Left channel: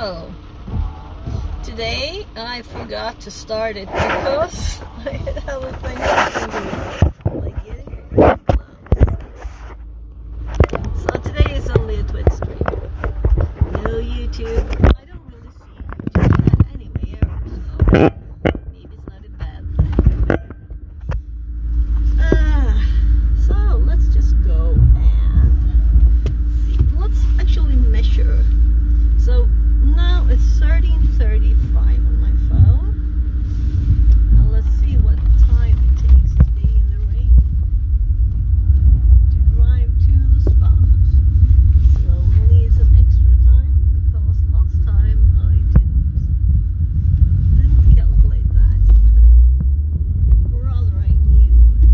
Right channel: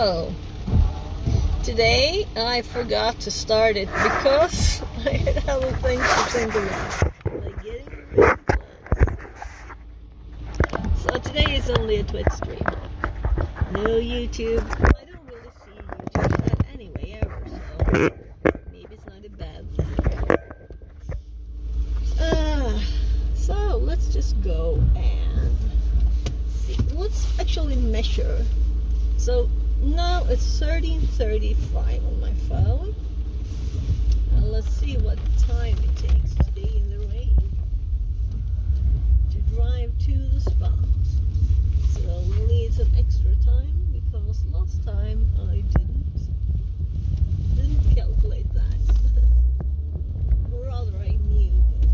So today I forgot to start it because I had other things to think about, like getting things closed. So today is only a Twitch stream, no YouTube. I don't really see YouTube anyway ever, so maybe it's not a bad thing. So let's just go and see. Let's actually measure. So now it's 13:35 on my phone. Now let's see what time it takes today in the rain to drive to the spot. So we'll need some extra time because last time I didn't calculate that. Or rather I knew, but it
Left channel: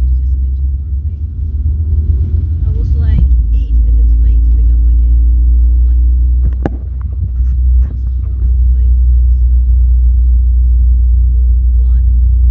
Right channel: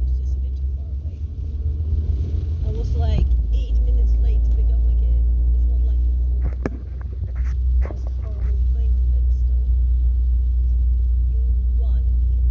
was just a bit too far away. I was like 8 minutes late to pick up my kid. It's not like horrible thing, but still, you want a kid.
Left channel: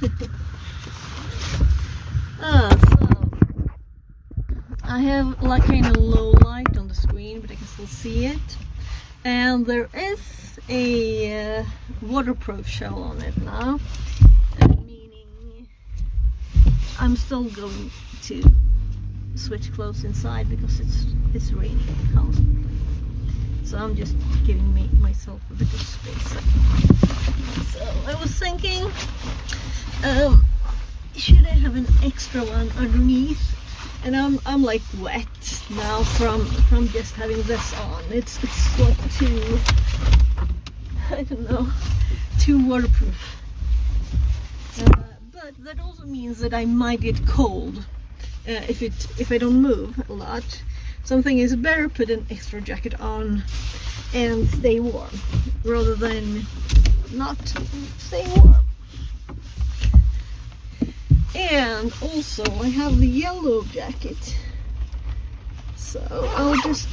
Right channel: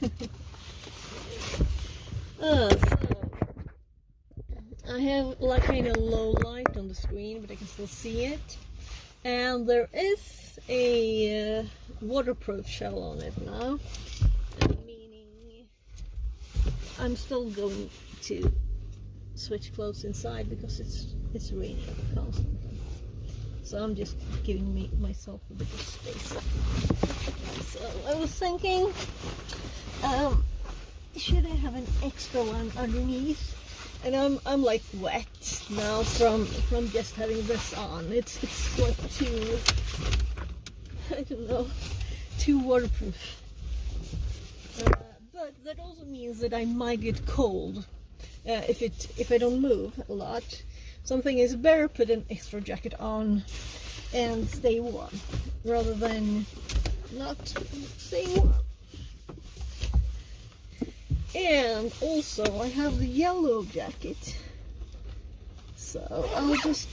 shoes. So I have like kind of low light on the screen, but I can still see it. And there is a waterproof shell on it now, meaning I'm still going to switch clothes inside because it's raining constantly. So I'm just giving myself a bit of space. So I was thinking, should I have an extra one underneath? And I'm like wet now from just having this on. It's like too, I don't know, too waterproof. But that also means that I might get cold if I don't move a lot. Something is better put an extra jacket on and stay warm rather than not stay warm. And also I have the yellow jacket, so I'll just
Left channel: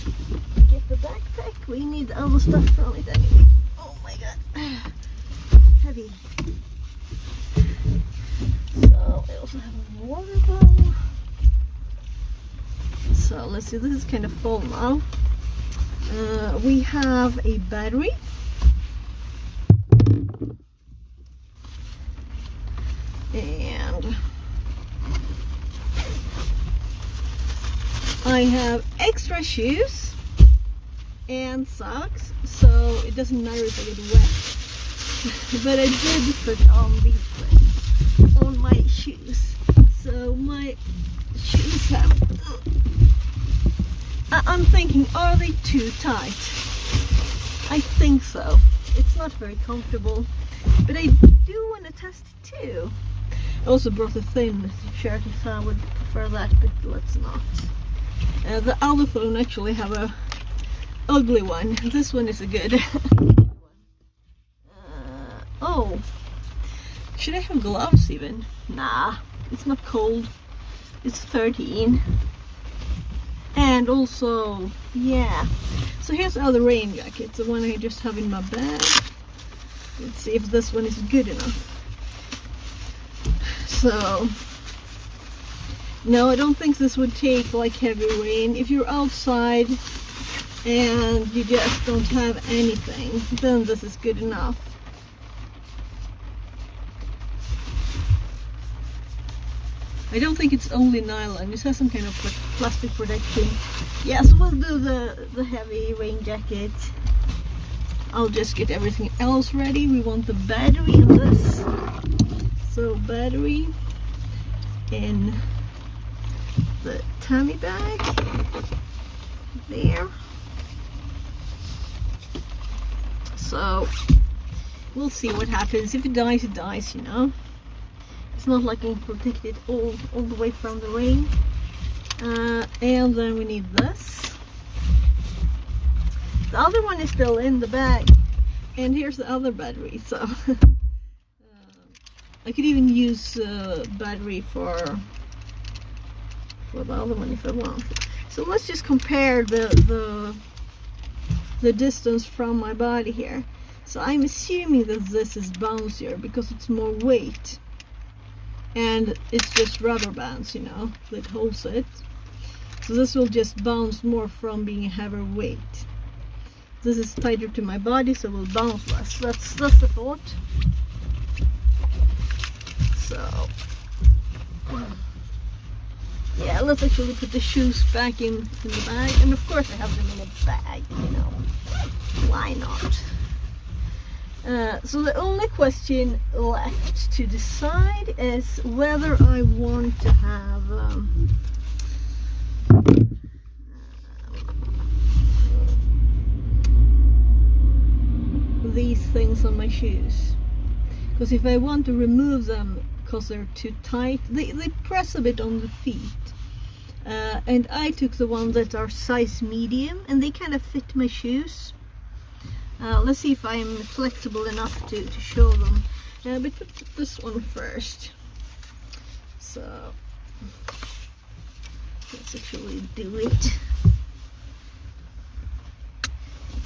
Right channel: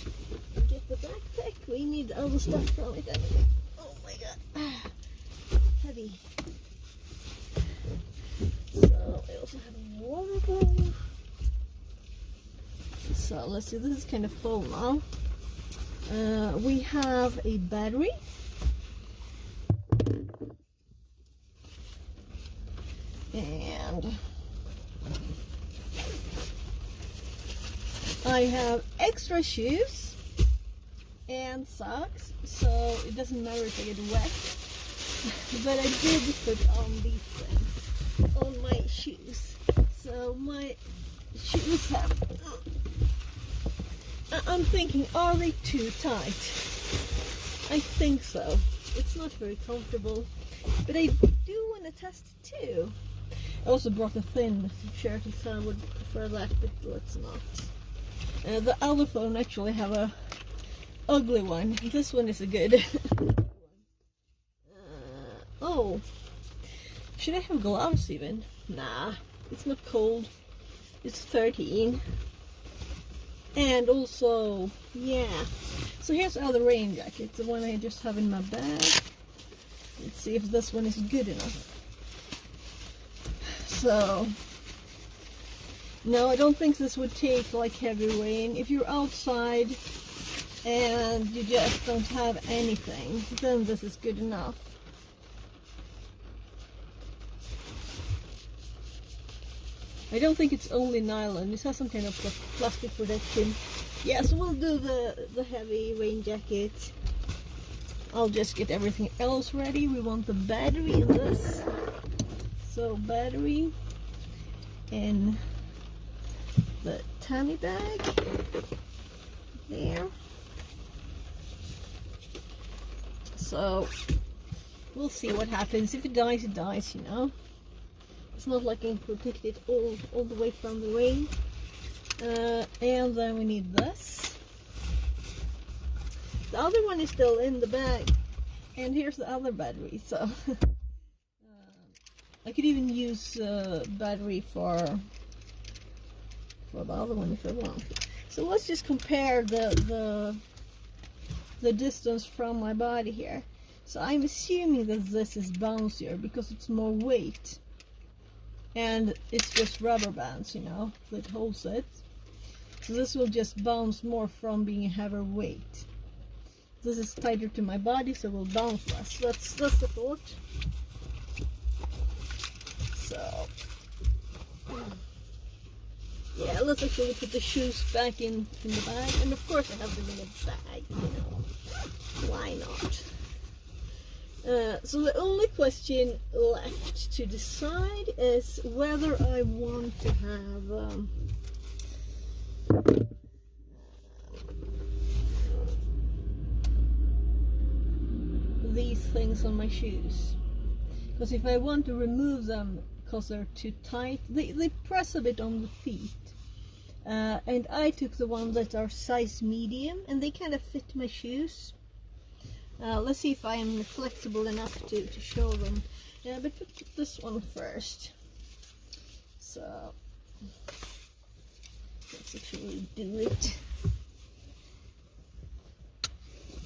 get the backpack. We need all the stuff from it anyway. Oh my god, heavy. So I also have a water bottle. So let's see, this is kind of full now. We have a battery. And I have extra shoes and socks, so it doesn't matter if I get wet. But I did put on these things on my shoes, so my shoes have, I'm thinking, are they too tight? I think so. It's not very comfortable, but I do want to test it too. I also brought a thin shirt if I would prefer that, but let's not. The other phone actually have a ugly one. This one is a good one. Oh, should I have gloves even? Nah, it's not cold. It's 13. And also, yeah. So here's the other rain jacket, the one I just have in my bag. Let's see if this one is good enough. So, no, I don't think this would take like heavy rain. If you're outside and you just don't have anything, then this is good enough. I don't think it's only nylon. It has some kind of plastic protection. Yeah, so we'll do the heavy rain jacket. I'll just get everything else ready. We want the battery in this. So battery in the tummy bag there. So we'll see what happens. If it dies, it dies, you know. It's not like I'm protected all the way from the rain. And then we need this. The other one is still in the bag. And here's the other battery. So I could even use battery for the other one if I want. So let's just compare the distance from my body here. So I'm assuming that this is bouncier because it's more weight, and it's just rubber bands, you know, that holds it. So this will just bounce more from being a heavier weight. This is tighter to my body, so it will bounce less. That's the thought. So yeah, let's actually put the shoes back in the bag, and of course I have them in a bag, you know, why not? So the only question left to decide is whether I want to have these things on my shoes, because if I want to remove them because they're too tight, they press a bit on the feet, and I took the ones that are size medium and they kind of fit my shoes. Let's see if I'm flexible enough to show them, but put this one first. So let's actually do it.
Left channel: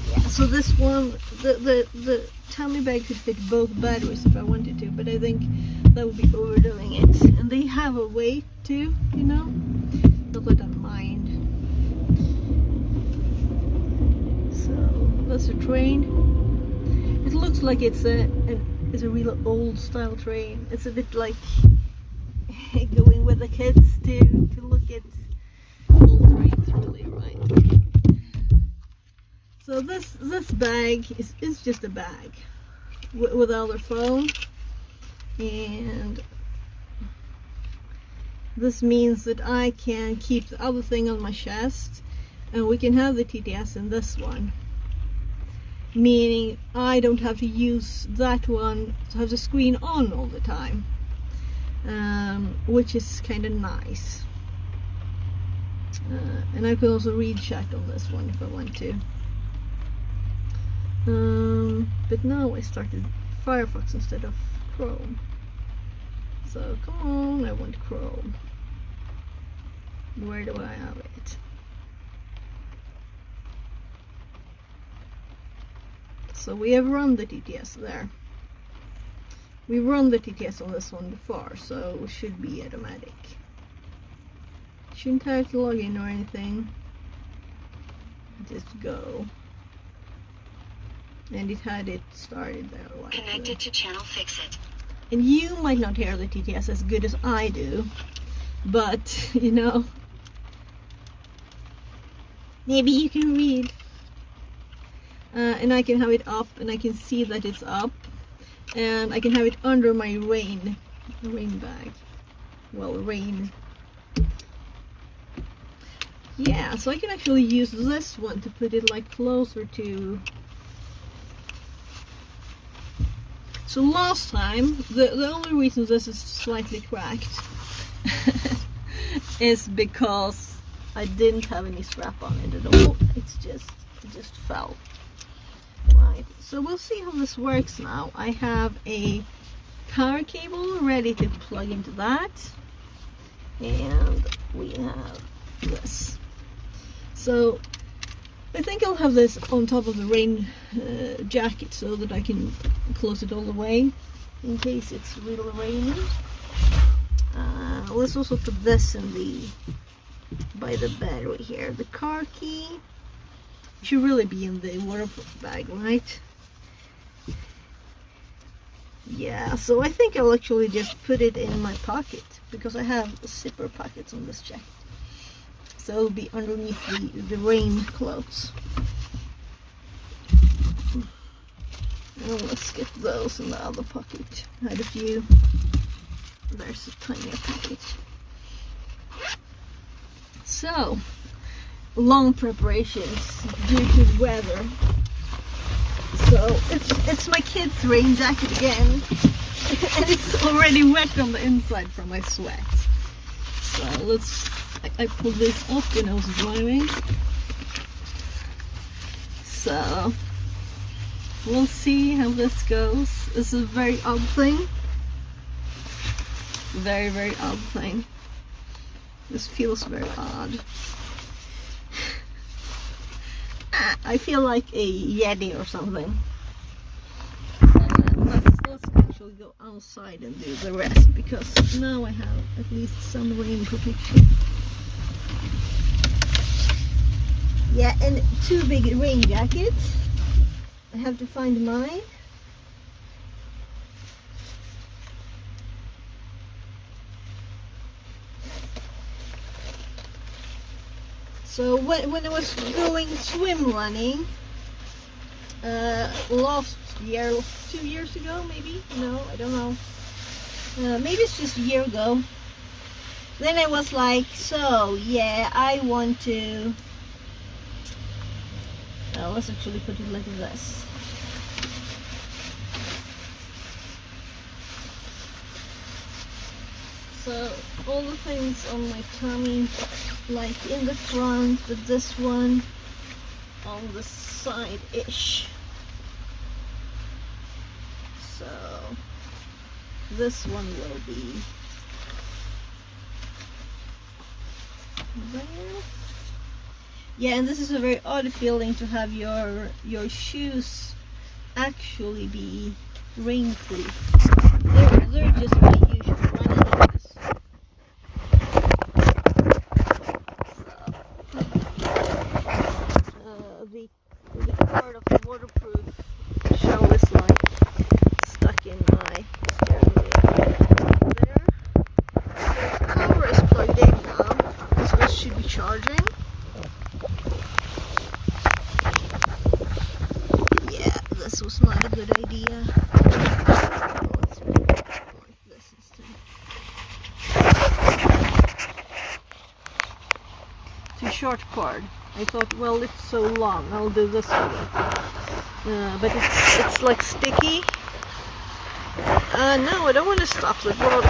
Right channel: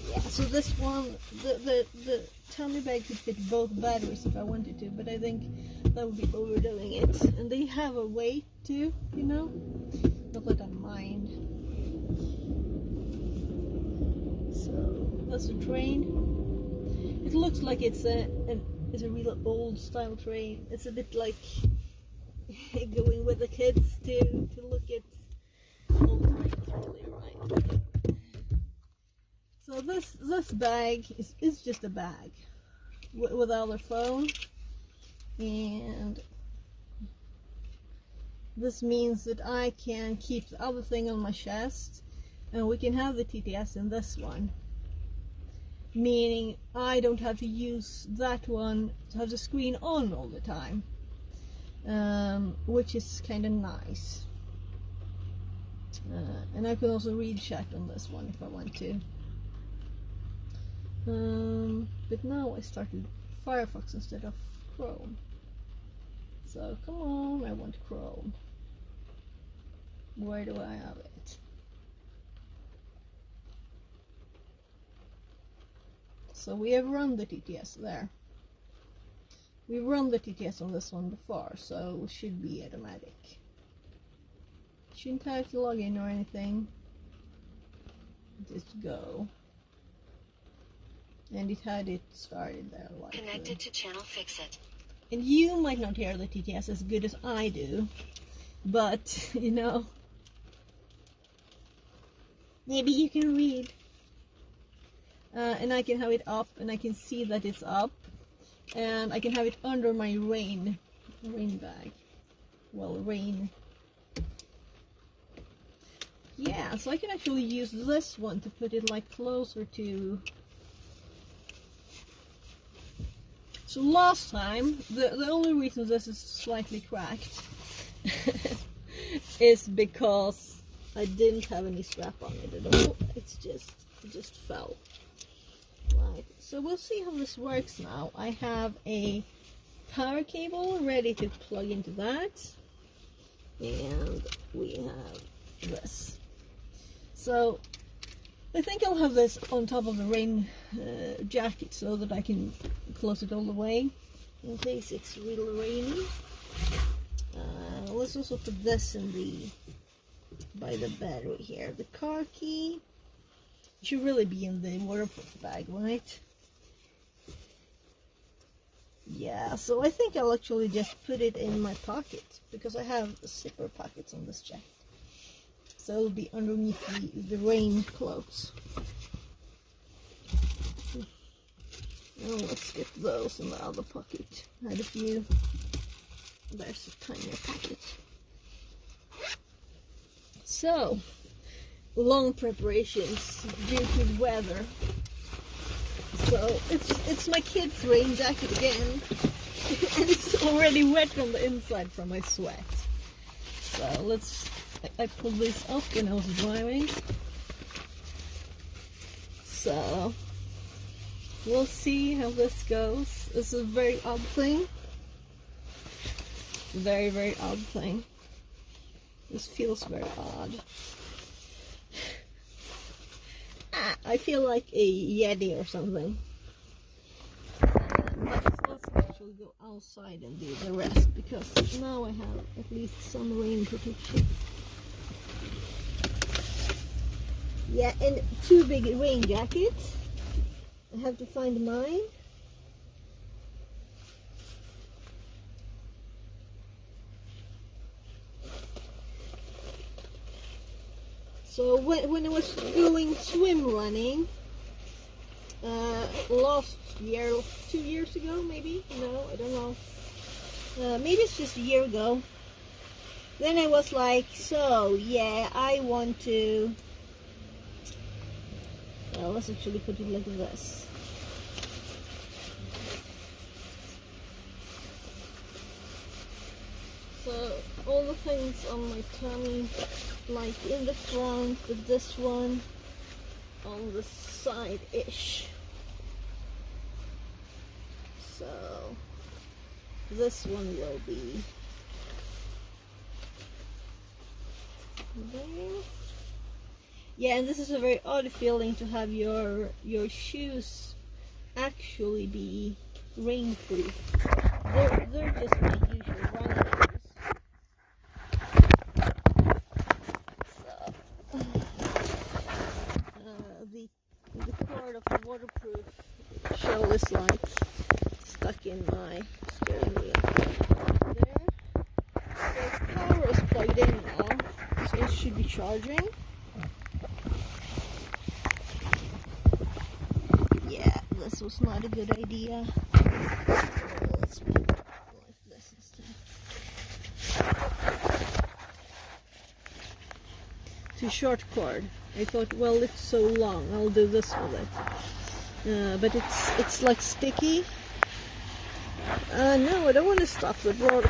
Yeah, So this one, the tummy bag could fit both batteries if I wanted to, but I think that would be overdoing it. And they have a weight too, you know, not that I mind. So that's a train. It looks like it's a real old style train. It's a bit like going with the kids to look at old trains, really, right? So this bag is just a bag without a phone, and this means that I can keep the other thing on my chest, and we can have the TTS in this one, meaning I don't have to use that one to have the screen on all the time, which is kind of nice. And I can also read chat on this one if I want to. But now I started Firefox instead of Chrome. So come on, I want Chrome. Where do I have it? So we have run the TTS there. We run the TTS on this one before, so it should be automatic. Shouldn't have to log in or anything. Just go. And it had it started there. Like connected to channel fix it. And you might not hear the TTS as good as I do, but you know, maybe you can read. And I can have it up, and I can see that it's up, and I can have it under my rain bag. Well, rain. Yeah, so I can actually use this one to put it like closer to. So last time, the only reason this is slightly cracked is because I didn't have any strap on it at all. It just fell. Right, so we'll see how this works now. I have a power cable ready to plug into that, and we have this. So I think I'll have this on top of the rain jacket so that I can close it all the way in case it's really rainy. Let's also put this in by the battery here. The car key should really be in the waterproof bag, right? Yeah, so I think I'll actually just put it in my pocket because I have zipper pockets on this jacket. So it'll be underneath the rain clothes. And let's get those in the other pocket. I had a few. There's a tiny pocket. So, long preparations due to the weather. So it's my kid's rain jacket again, and it's already wet on the inside from my sweat. So I pulled this off when I was driving. So we'll see how this goes. It's a very odd thing. Very, very odd thing. This feels very odd. I feel like a Yeti or something. Let's actually go outside and do the rest, because now I have at least some rain protection. Yeah, and two big rain jackets. I have to find mine. So when I was going swim running last year, 2 years ago maybe, no, I don't know, maybe it's just a year ago, then I was like, so yeah, I want to, let's actually put it like this. So all the things on my tummy, like in the front, but this one on the side-ish. So this one will be there. Yeah, and this is a very odd feeling to have your shoes actually be rainproof. They're just my usual running shoes. So, the cord of the waterproof shell is like stuck in my steering wheel. There. The power is plugged in now, so this should be charging. Yeah, this was not a good idea. Let's make it like this instead. It's a short cord. I thought, well, it's so long, I'll do this with it. But it's like sticky. No, I don't want to stop the water.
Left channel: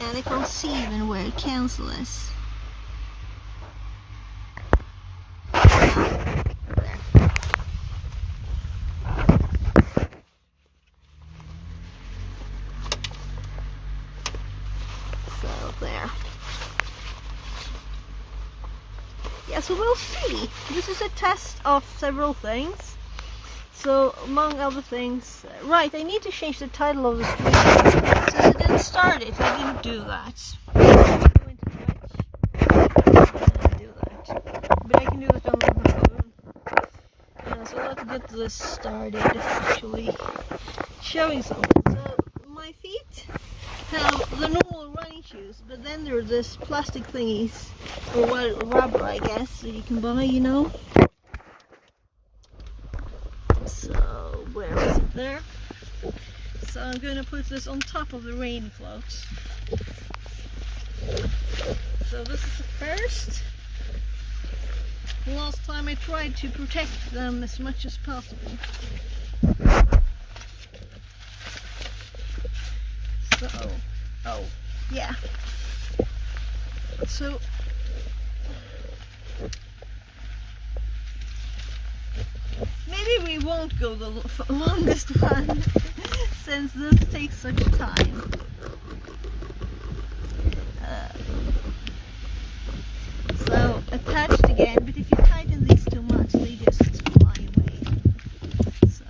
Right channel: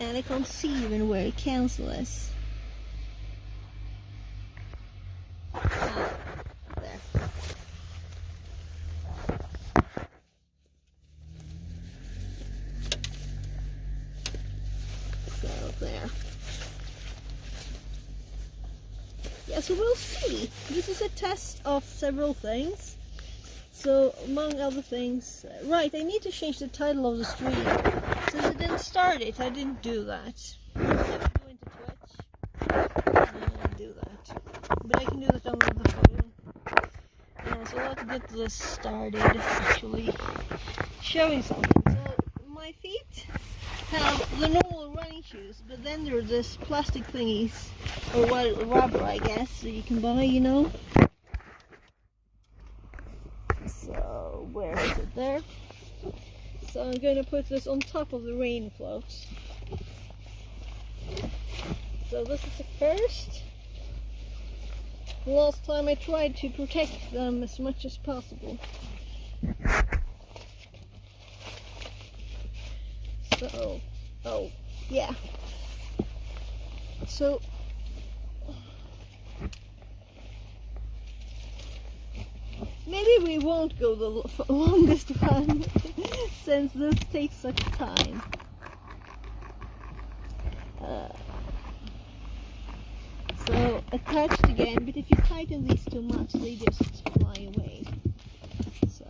And I can't see even where it cancel is. There. So there. Yeah, so we'll see. This is a test of several things. So, among other things, right, I need to change the title of the stream. Since I didn't start it, I didn't do that. I'm going to Twitch. I do that. But I can do that on the phone. So let's get this started, actually showing something. So, my feet have the normal running shoes, but then there are this plastic thingies, or what, rubber, I guess, that you can buy, you know. So, where is it there? So I'm going to put this on top of the rain floats. So this is the first. Last time I tried to protect them as much as possible. So, oh, yeah. So, maybe we won't go the longest one since this takes such time. So attached again, but if you tighten these too much, they just fly away. So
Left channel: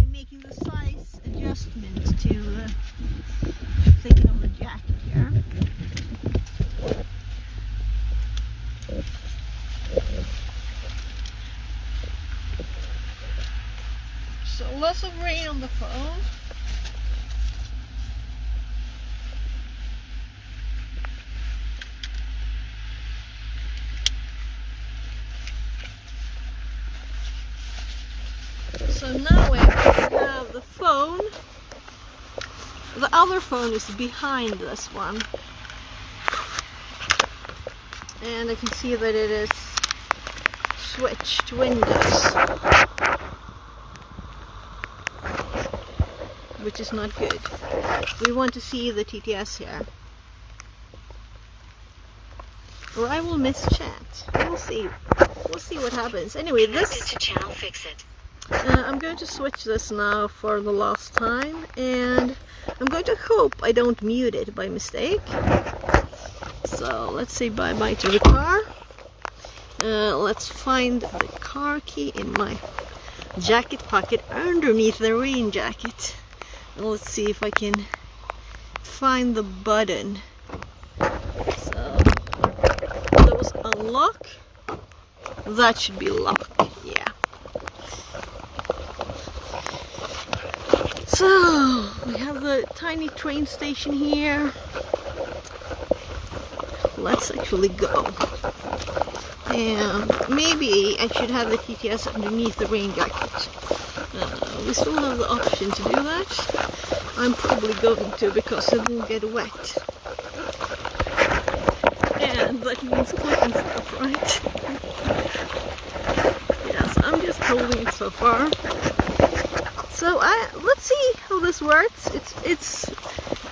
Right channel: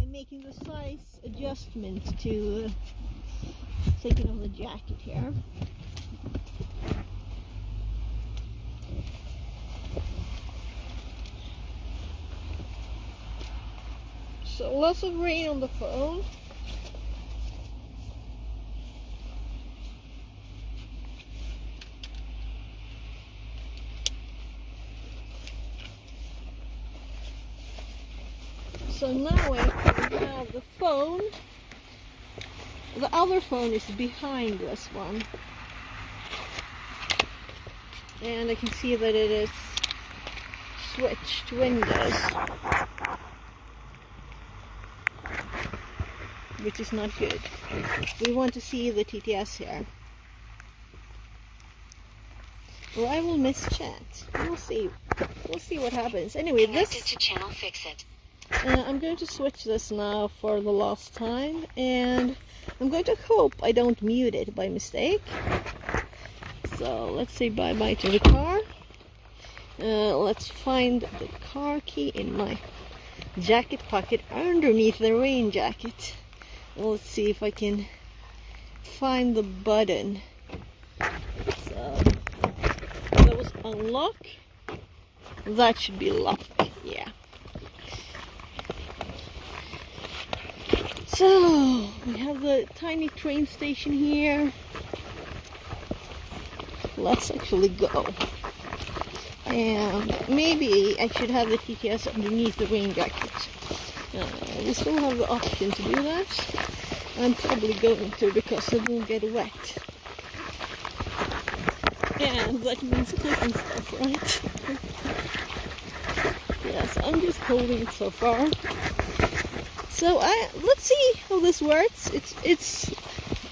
I'm making the size adjustment to thinking of the jacket here. So lots of rain on the phone. So now I have the phone. The other phone is behind this one. And I can see that it is switched windows, which is not good. We want to see the TTS here, or I will miss chat. We'll see. We'll see what happens. Anyway, this to channel fix it. I'm going to switch this now for the last time, and I'm going to hope I don't mute it by mistake. So let's say bye-bye to the car. Let's find the car key in my jacket pocket underneath the rain jacket. Let's see if I can find the button. So those unlock. That should be locked. Yeah. So we have the tiny train station here. Let's actually go. And maybe I should have the TTS underneath the rain jacket. We still have the option to do that. I'm probably going to, because it will get wet. And that means clicking stuff, right? Yes, I'm just holding it so far. So let's see how this works. It's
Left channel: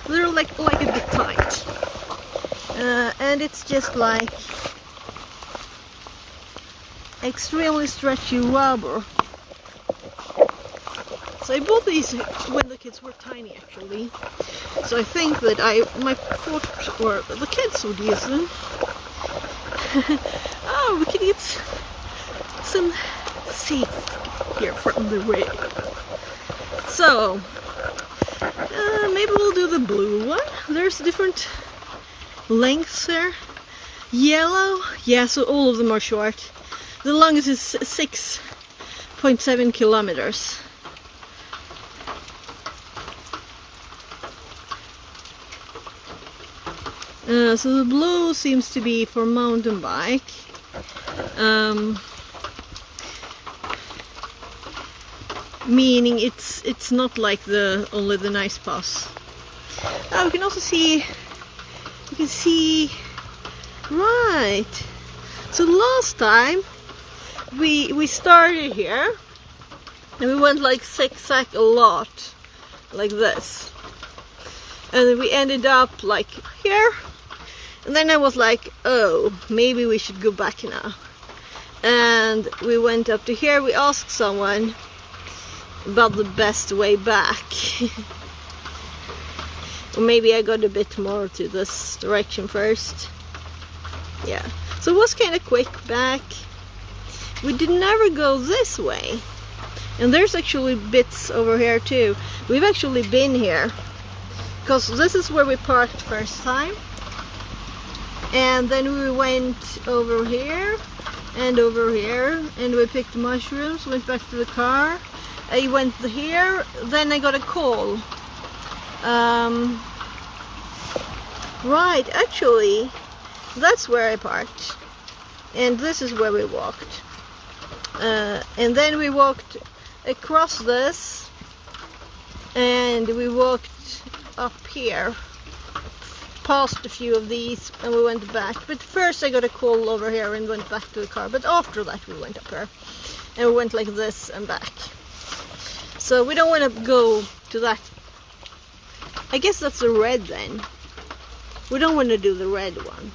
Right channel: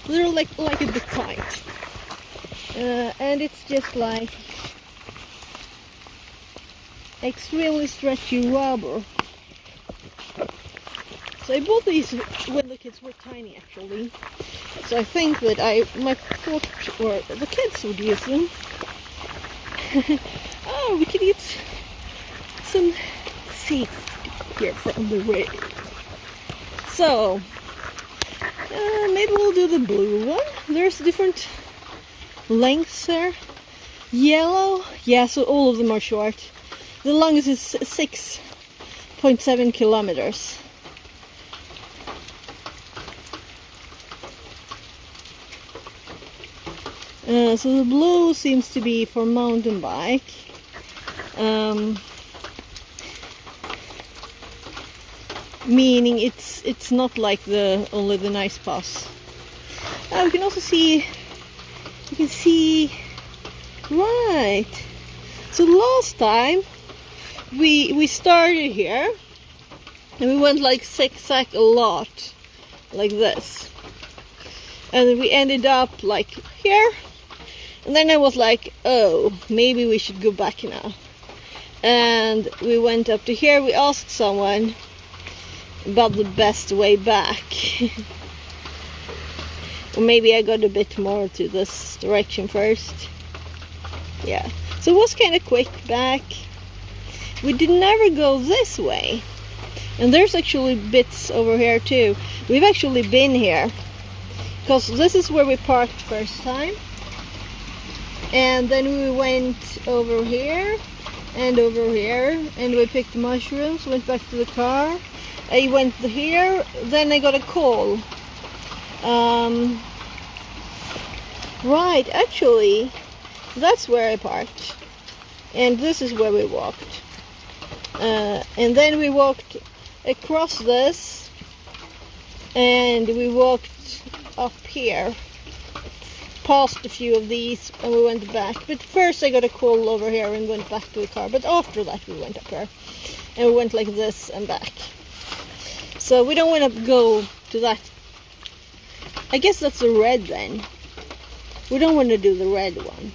they're like a bit tight. And it's just like extremely stretchy rubber. So I bought these when the kids were tiny, actually. So I think that my thought, or the kids would use them. Oh, we could eat some seed here from the way. So maybe we'll do the blue one. There's different lengths there. Yellow, yeah, so all of them are short. The longest is 6.7 kilometers. So the blue seems to be for mountain bike. Meaning it's not like only the nice pass. We can also see, you can see, right. So last time we started here and we went like zigzag a lot, like this, and then we ended up like here, and then I was like, oh, maybe we should go back now, and we went up to here. We asked someone about the best way back. Or maybe I got a bit more to this direction first. Yeah, so it was kind of quick back. We did never go this way, and there's actually bits over here too. We've actually been here because this is where we parked first time, and then we went over here and over here, and we picked mushrooms, went back to the car. I went here, then I got a call. Right, actually that's where I parked, and this is where we walked, and then we walked across this, and we walked up here past a few of these, and we went back. But first I got a call over here and went back to the car, but after that we went up here and we went like this and back. So we don't want to go to that. I guess that's the red then. We don't want to do the red one.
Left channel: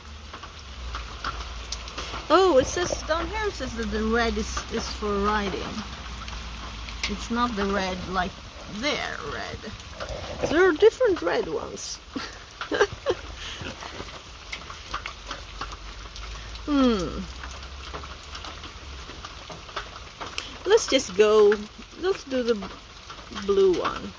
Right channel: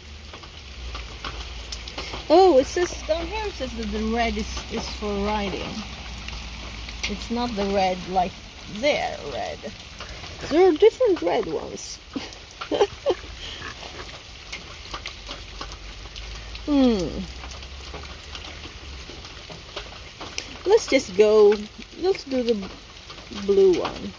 Oh, it says down here, it says that the red is for riding. It's not the red like their red. There are different red ones. Let's just go. Let's do the blue one.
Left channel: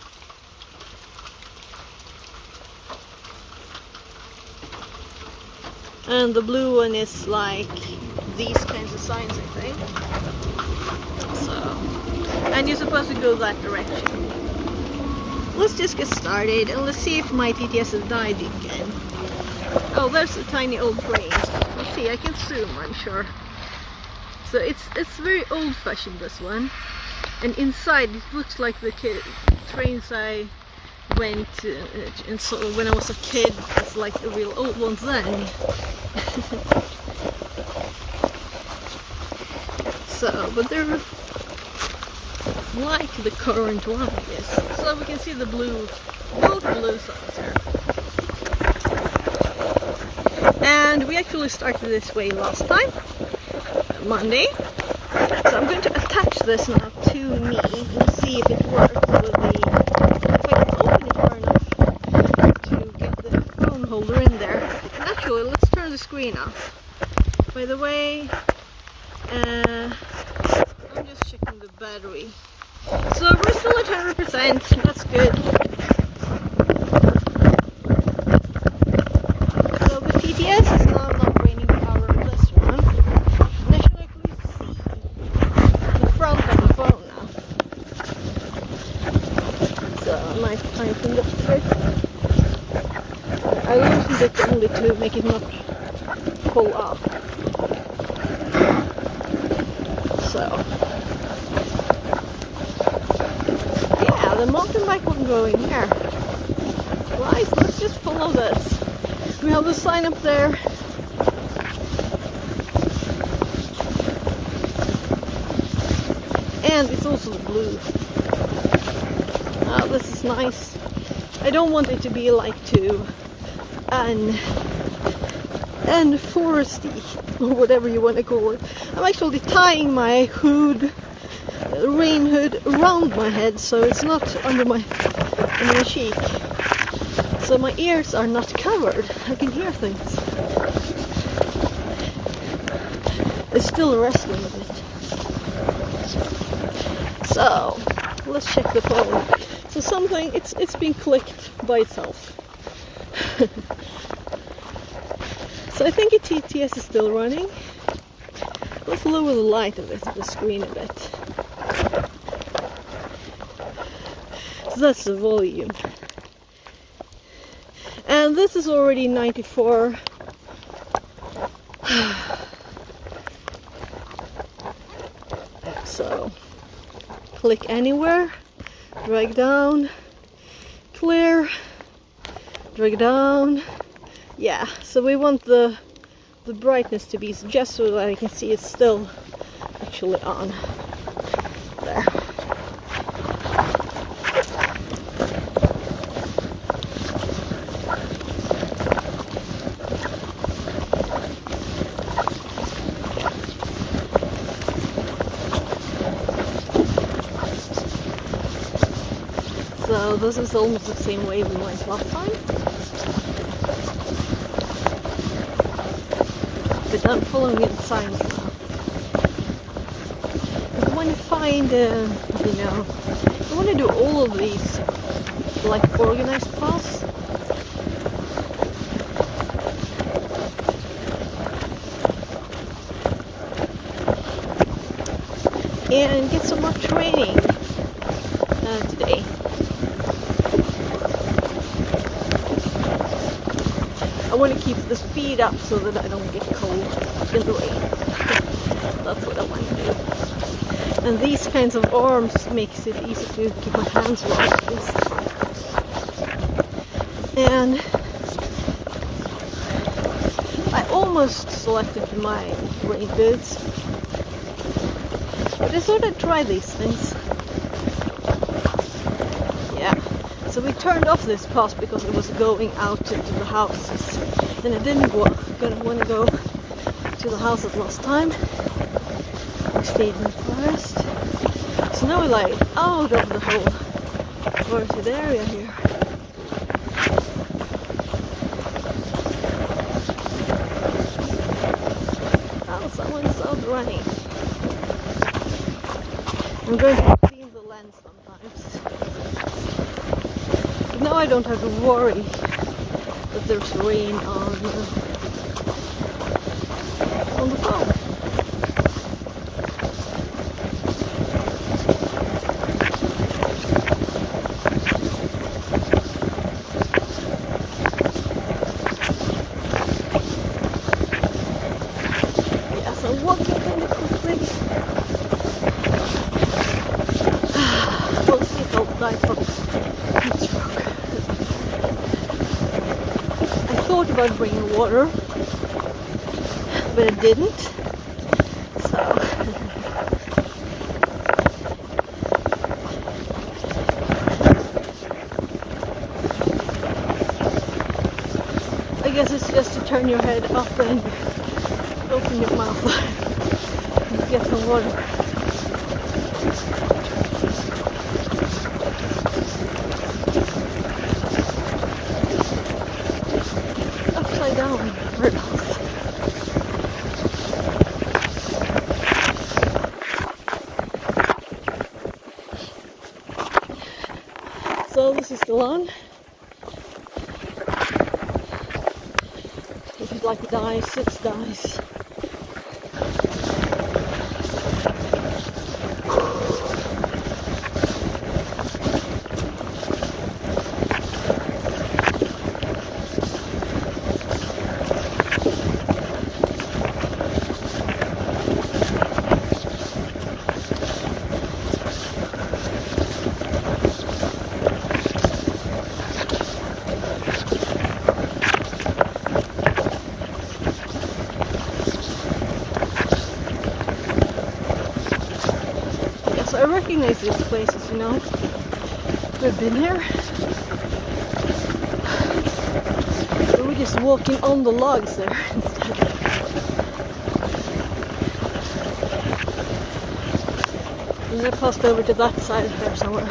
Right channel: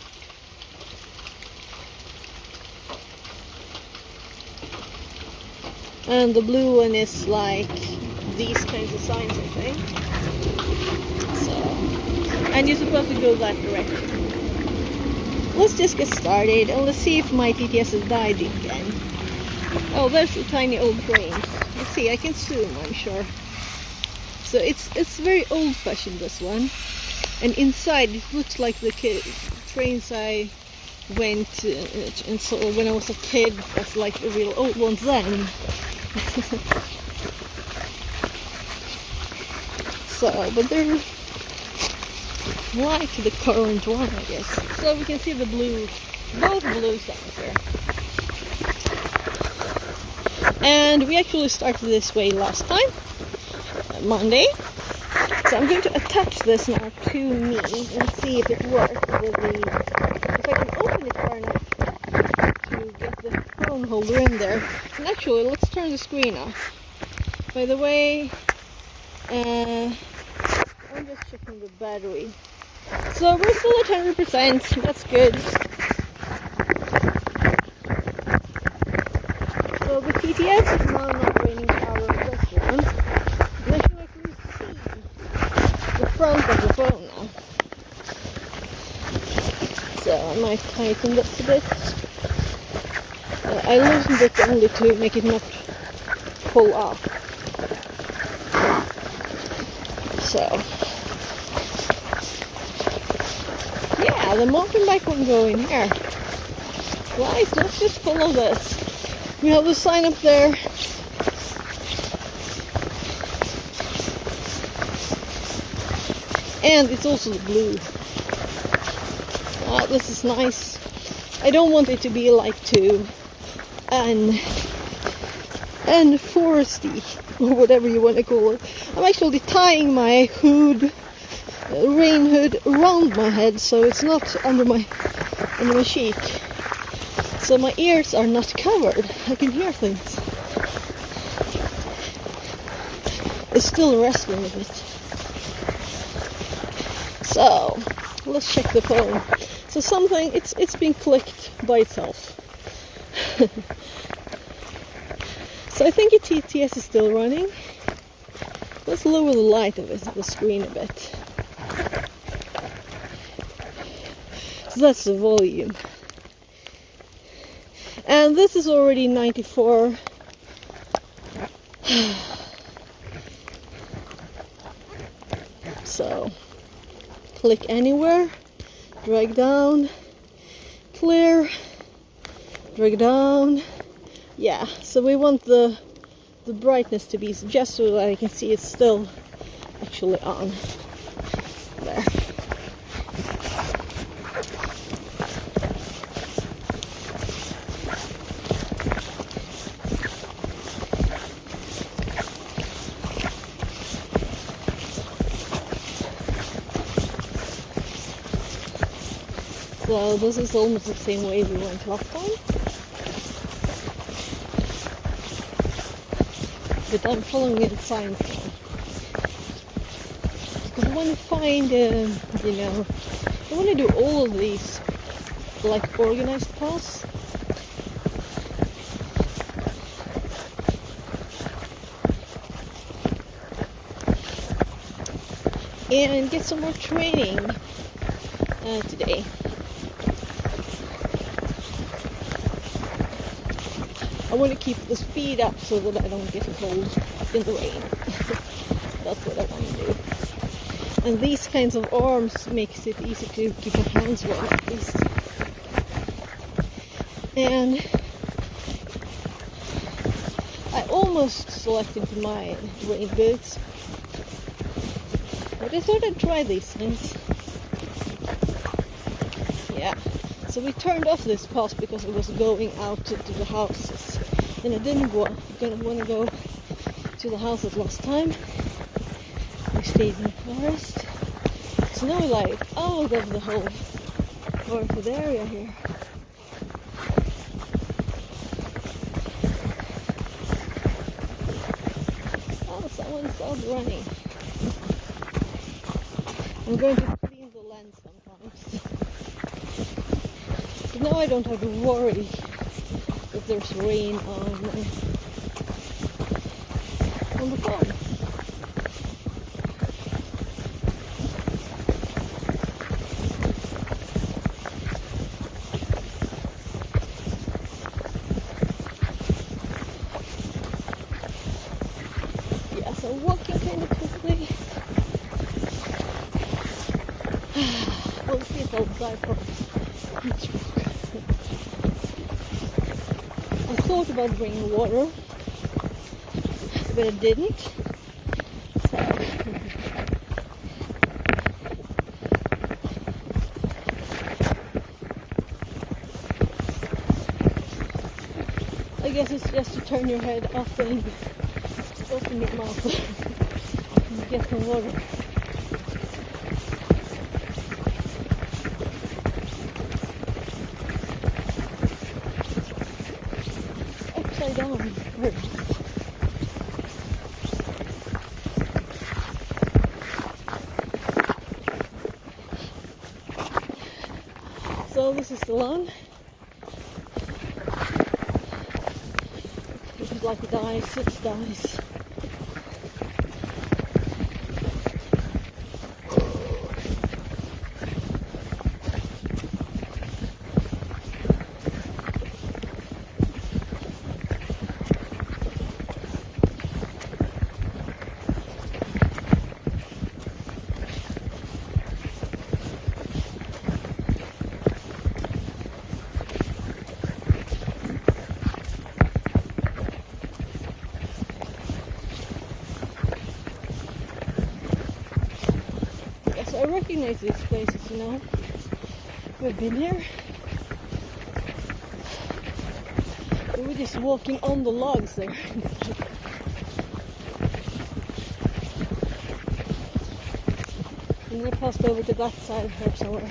And the blue one is like these kinds of signs, I think. So, and you're supposed to go that direction. Let's just get started and let's see if my TTS has died again. Oh, there's a tiny old train. Let's see, I can zoom, I'm sure. So it's very old-fashioned, this one. And inside it looks like the trains I went and so when I was a kid, was like a real old one then. So, but they're like the current one, I guess. So we can see the blue, both blue signs here. And we actually started this way last time, Monday. So I'm going to attach this now to me and see if it works with the, if I can open it far enough to get the phone holder in there. And actually, let's turn the screen off. By the way, I'm just checking the battery. So we're still at 100%, that's good. So the TTS is now not raining power in this one. And I should actually see the front of the phone now. So I might tighten this a bit. I loosened it only to make it not pull up. So yeah, the mountain bike won't go in here. Right, let's just follow this. We have the sign up there. And it's also the blue. This is nice. I don't want it to be like too foresty or whatever you want to call it. I'm actually tying my hood rain hood around my head, so it's not under my cheek. So my ears are not covered. I can hear things. It's still rustling a bit. So let's check the phone. So something, it's been clicked by itself. So I think TTS is still running. Let's lower the light of it, the screen a bit. So that's the volume. And this is already 94. So click anywhere, drag down, clear, drag down. Yeah, so we want the brightness to be just so that I can see it's still actually on. There. So this is almost the same way we went last time. But I'm following in signs now. Because I want to find, you know, I want to do all of these like organized paths. And get some more training today. I want to keep the speed up so that I don't get cold in the rain. That's what I want to do. And these kinds of arms makes it easy to keep my hands warm at least. And I almost selected my rain boots. But I thought I'd try these things. Yeah. So we turned off this path because it was going out to the houses. And I didn't want to go to the houses last time. We stayed in the forest. So now we're like out of the whole forested area here. Oh, someone's out running. I'm going to clean the lens sometimes. But now I don't have to worry that there's rain on the phone. Yeah, so walking kind of quickly. We'll see if I'll die from heat stroke. I thought about bringing water, but I didn't. So I guess it's just to turn your head up and open your mouth and get some water. Upside down birdhouse. So this is the lawn. If you'd like to die, 6 dies. So I recognize these places, you know. We've been here. But we're just walking on the logs there instead. And I passed over to that side here somewhere.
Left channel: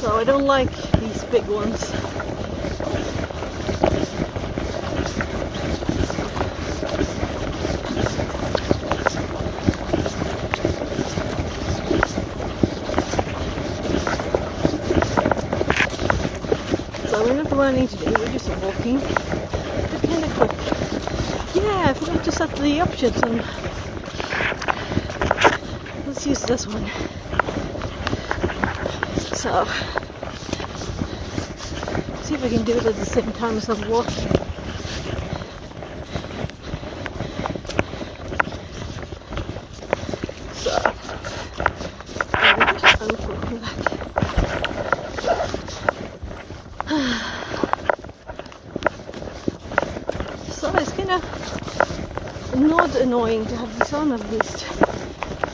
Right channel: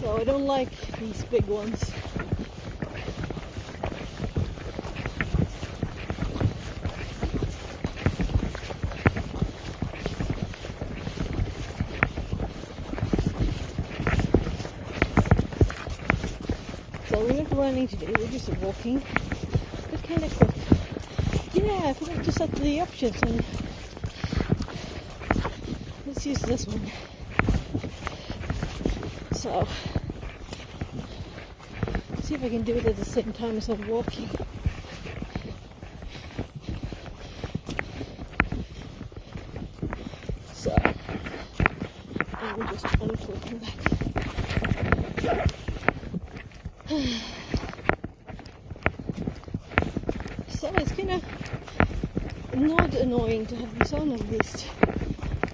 So I don't like these big ones. So we're not running today, we're just walking. But kind of quick. Yeah, I forgot to set the options on. Let's use this one. So, see if I can do it at the same time as I'm walking. So, I'm just unhooking that. So it's kind of not annoying to have the sound of these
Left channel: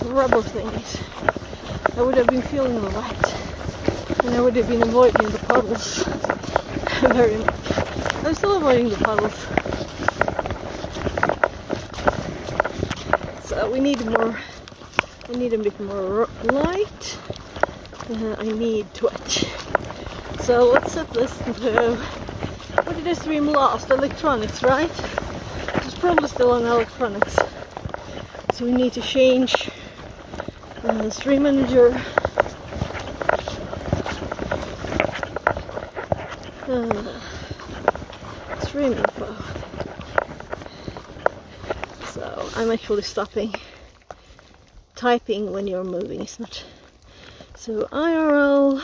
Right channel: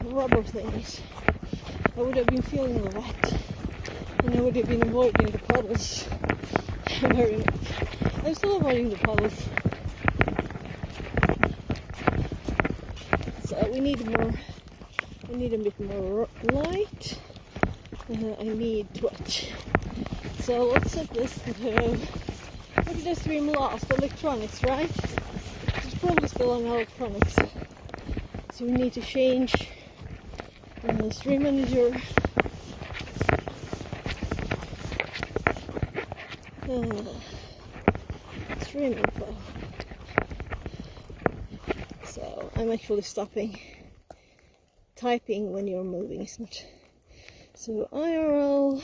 rubber thingies. I would have been feeling the wet, and I would have been avoiding the puddles very much. I'm still avoiding the puddles. So we need more. I need a bit more light. I need twitch. So let's set this to, what did I stream last? Electronics, right? It's probably still on electronics. So we need to change stream manager. Stream info. So I'm actually stopping typing when you're moving, it's not. So IRL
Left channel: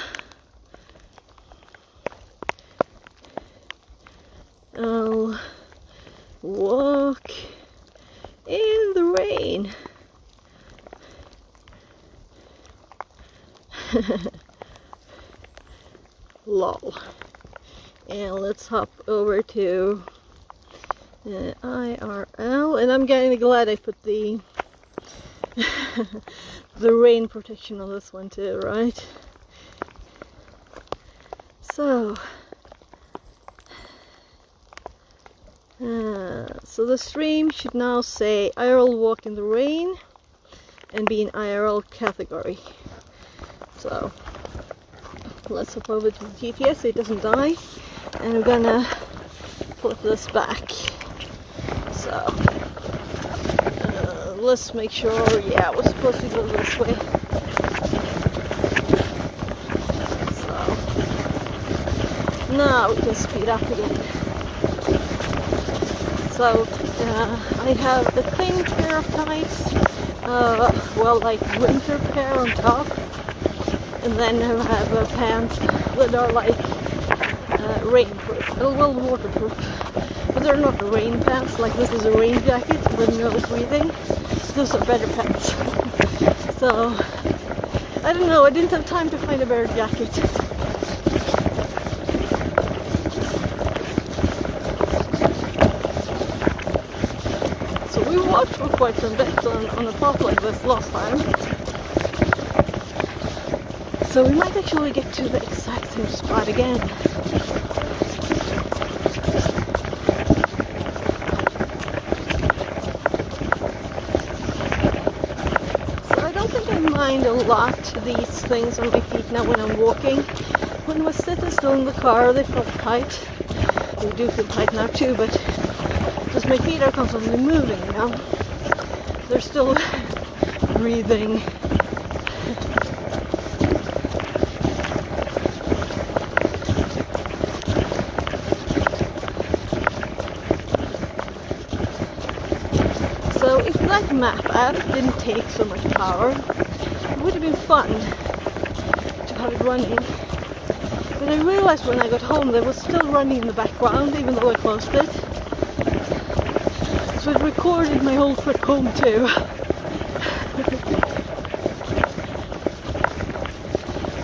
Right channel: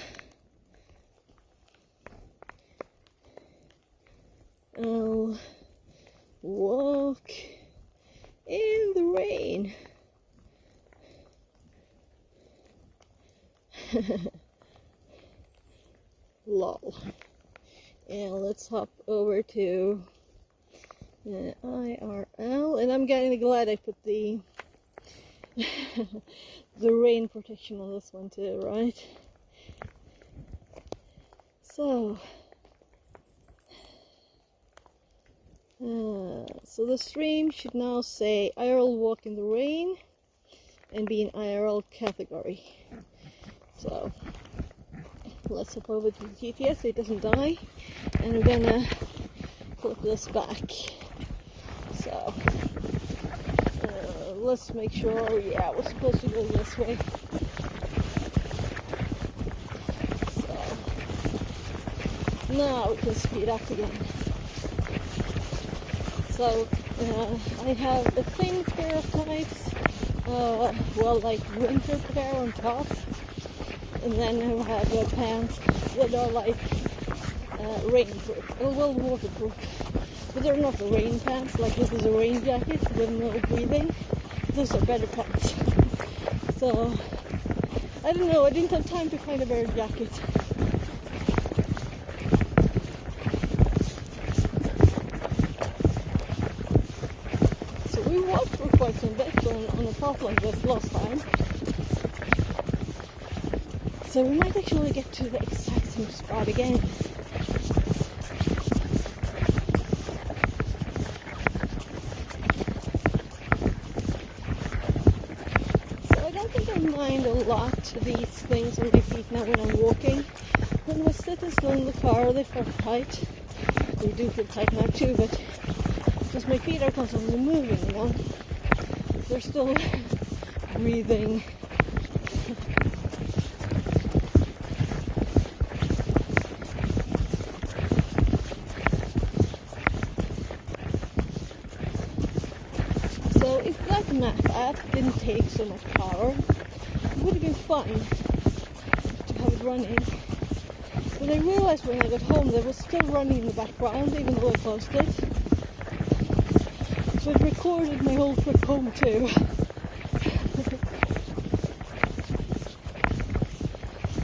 I'll walk in the rain. Lol. And let's hop over to IRL, and I'm getting glad I put the the rain protection on this one too, right? So so the stream should now say IRL walk in the rain and be in IRL category. So let's hop over to the GPS so it doesn't die, and we're gonna flip this back. So let's make sure, yeah, we're supposed to go this way. So now we can speed up again. So I have a thin pair of tights, well, like winter pair on top, and then I have pants that are like rainproof, well, waterproof, but they're not rain pants. Like this is a rain jacket with no breathing. Those are better pants. So I don't know, I didn't have time to find a better jacket. So we walked for quite some bit on a path like this last time. So we might actually get to the exact same spot again. So I don't think I mind a lot these things on my feet now when I'm walking. When I was sitting still in the car, they felt tight. They do feel tight now too, but because my feet are constantly moving, you know. They're still breathing. So if that map app didn't take so much power, it would have been fun to have it running. But I realized when I got home that it was still running in the background even though I closed it. So it recorded my whole trip home too.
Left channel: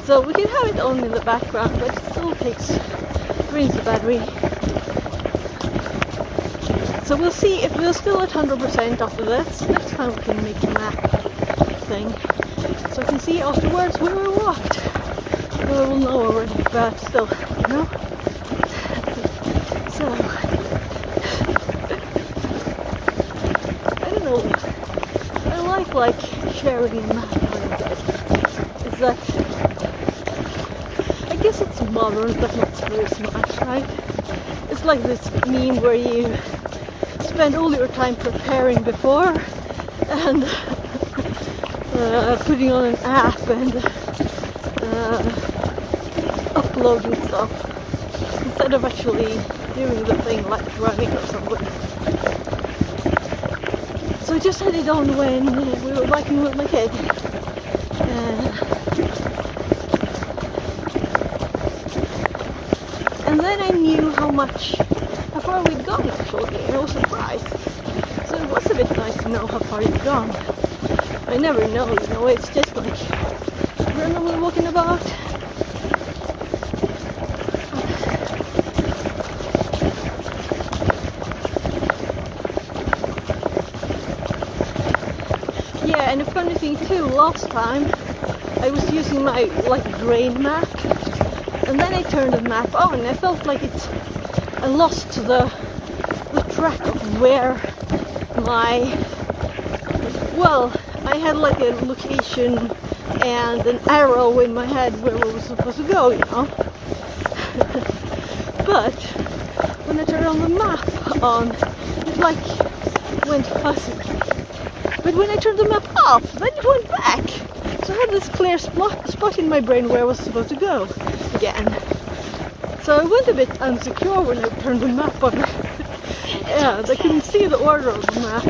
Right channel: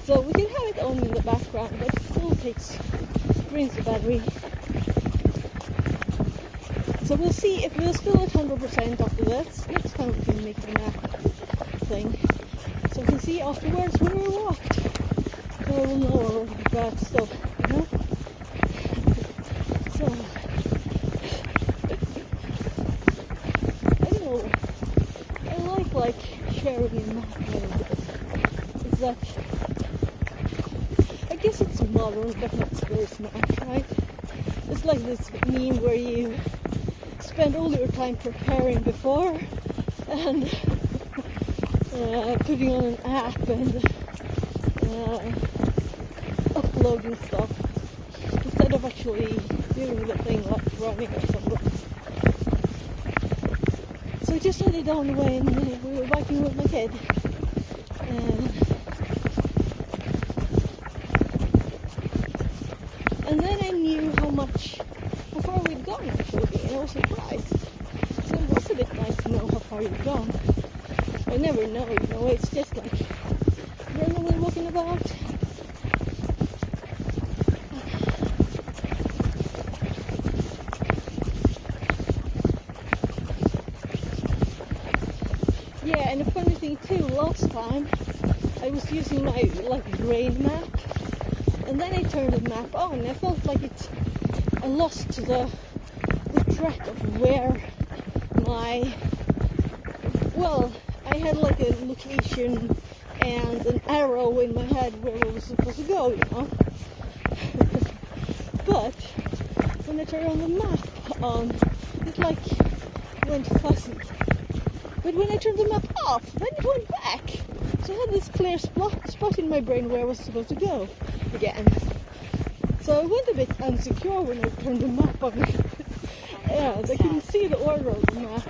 So we can have it on in the background, but it still drains the battery. So we'll see if we're still at 100% after this. Next time we can make a map thing, so we can see afterwards where we walked. Well, we'll know already, but still, you know. So I don't know. I like sharing a map a little bit. It's that I guess it's modern, but not very smart, right? It's like this meme where you spend all your time preparing before and putting on an app and uploading stuff instead of actually doing the thing like running or something. So I just had it on when we were biking with my kid. And then I knew how far we'd gone actually, and I was surprised. So it was a bit nice to know how far you've gone. I never know, you know, it's just like randomly walking about. Yeah, and the funny thing too, last time I was using my drain map, and then I turned the map on and I felt like I lost the track of where I had like a location and an arrow in my head where we were supposed to go, you know. But when I turned on the map on, it went fuzzy. But when I turned the map off, then it went back. So I had this clear spot in my brain where I was supposed to go again. So I went a bit insecure when I turned the map on. Yeah, I couldn't see the order of the map.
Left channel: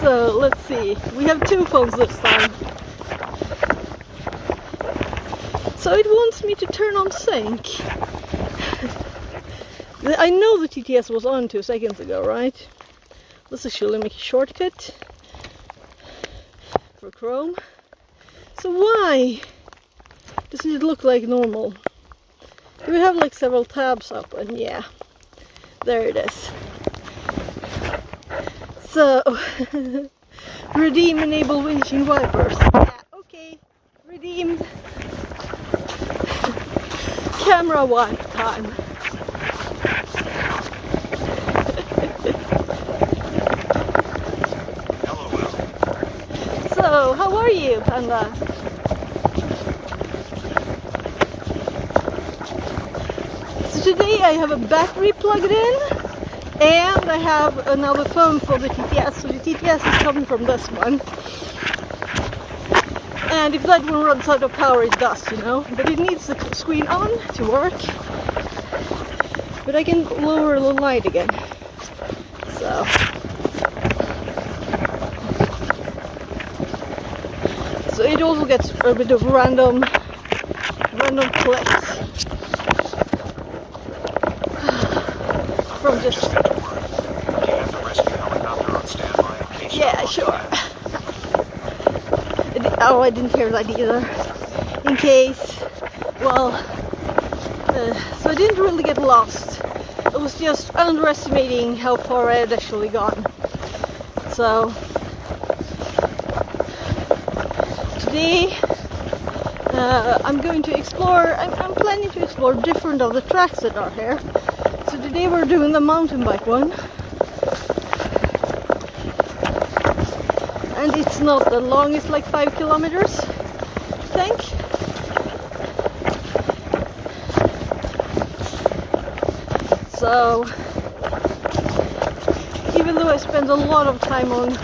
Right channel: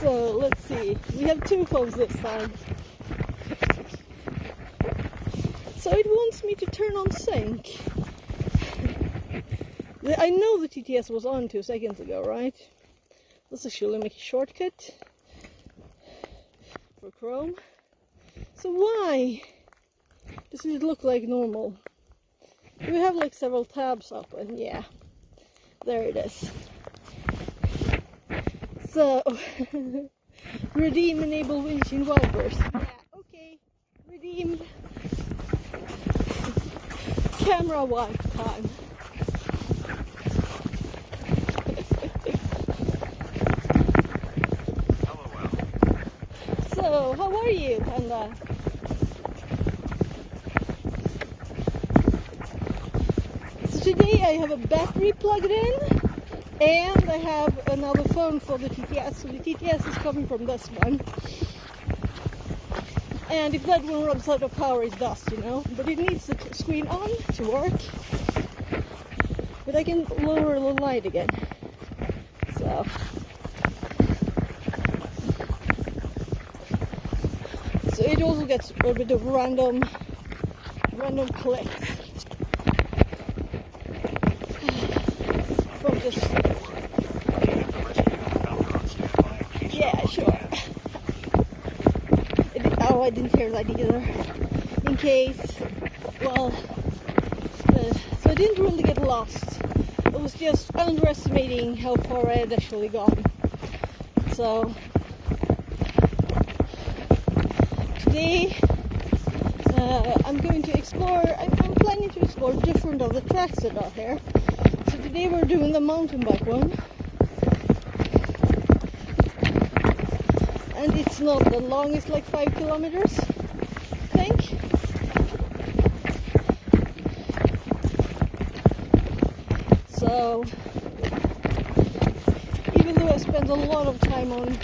So let's see, we have 2 phones this time. So it wants me to turn on sync. I know the TTS was on 2 seconds ago, right? Let's actually make a shortcut for Chrome. So why doesn't it look like normal? Do we have like several tabs up? And yeah, there it is. So redeem enable windshield wipers. Yeah, okay. Redeemed. Camera wipe time. So, how are you, Panda? So today I have a battery plugged in, and I have another phone for the TTS. So the TTS is coming from this one. And if that one runs out of power, it does, you know. But it needs the screen on to work. But I can lower the light again. So. So it also gets a bit of random clicks from just. Yeah, sure. Oh, I didn't hear that either. In case, well, so I didn't really get lost. I was just underestimating how far I had actually gone. So today I'm going to explore. I'm planning to explore different of the tracks that are here. So today we're doing the mountain bike one. And it's not that long, it's like 5 kilometers, I think. So, even though I spent a lot of time on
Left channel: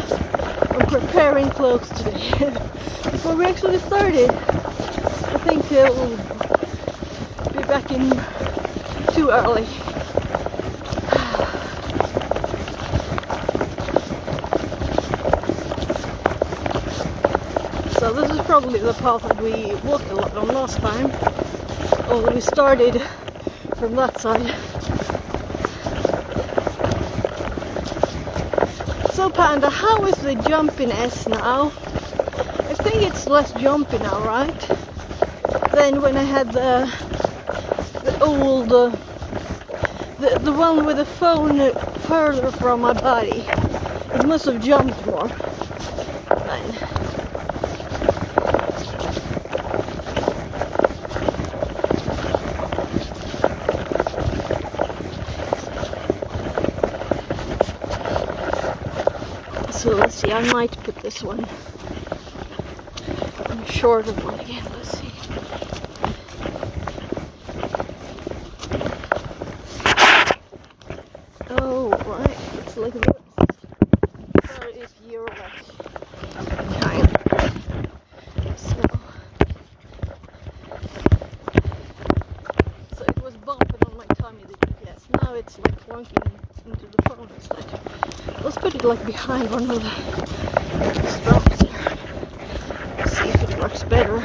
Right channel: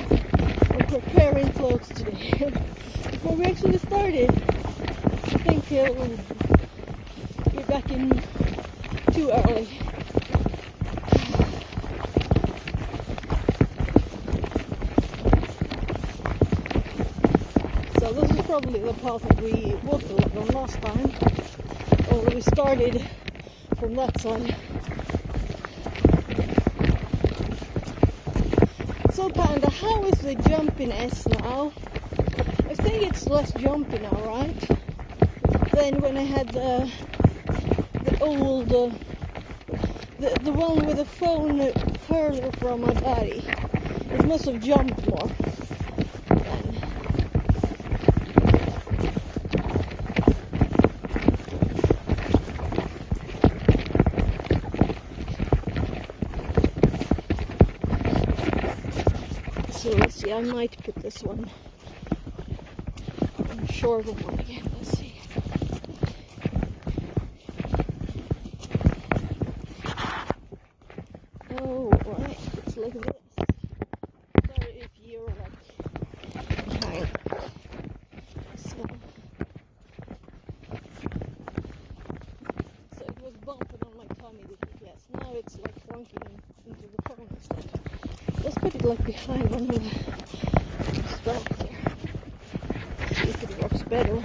preparing clothes today, before we actually started, I think we'll be back in too early. So this is probably the path that we walked a lot on last time, although we started from that side. So So Panda, how is the jumpiness now? I think it's less jumpy now, right? Than when I had the old, the one with the phone further from my body. It must have jumped more then. So let's see, I might put this one on a shorter one again. Let's see. Oh, right, it's like this. Sorry if you're like behind. So it was bumping on my tummy, the GPS. Now it's like clunking into the phone instead. Let's put it like behind one of the straps here. See if it works better.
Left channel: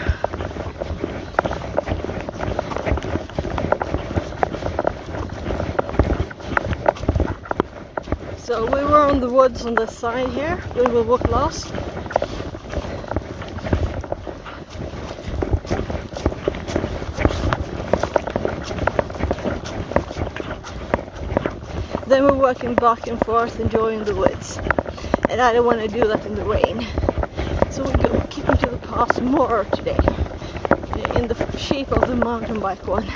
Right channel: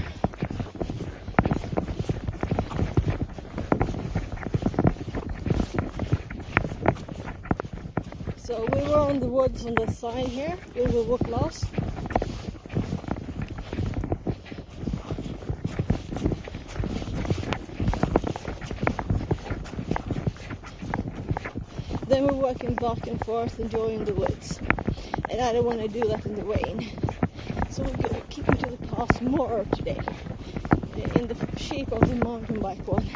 So we were on the woods on this side here. We will walk last. Then we're walking back and forth, enjoying the woods. And I don't want to do that in the rain. So we're going to keep into the path more today. In the shape of the mountain bike one.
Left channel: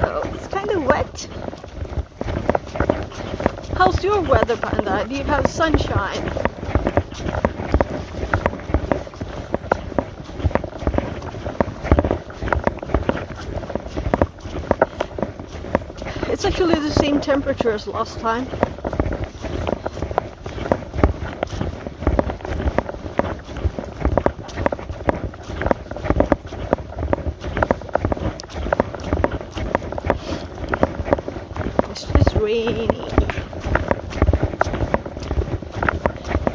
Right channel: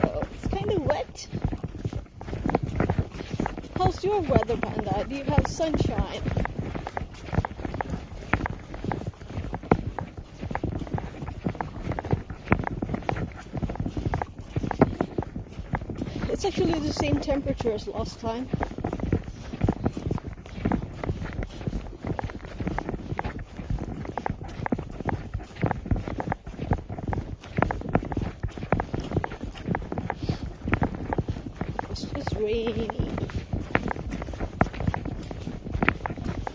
So it's kind of wet. How's your weather, Panda? Do you have sunshine? It's actually the same temperature as last time. It's just rainy.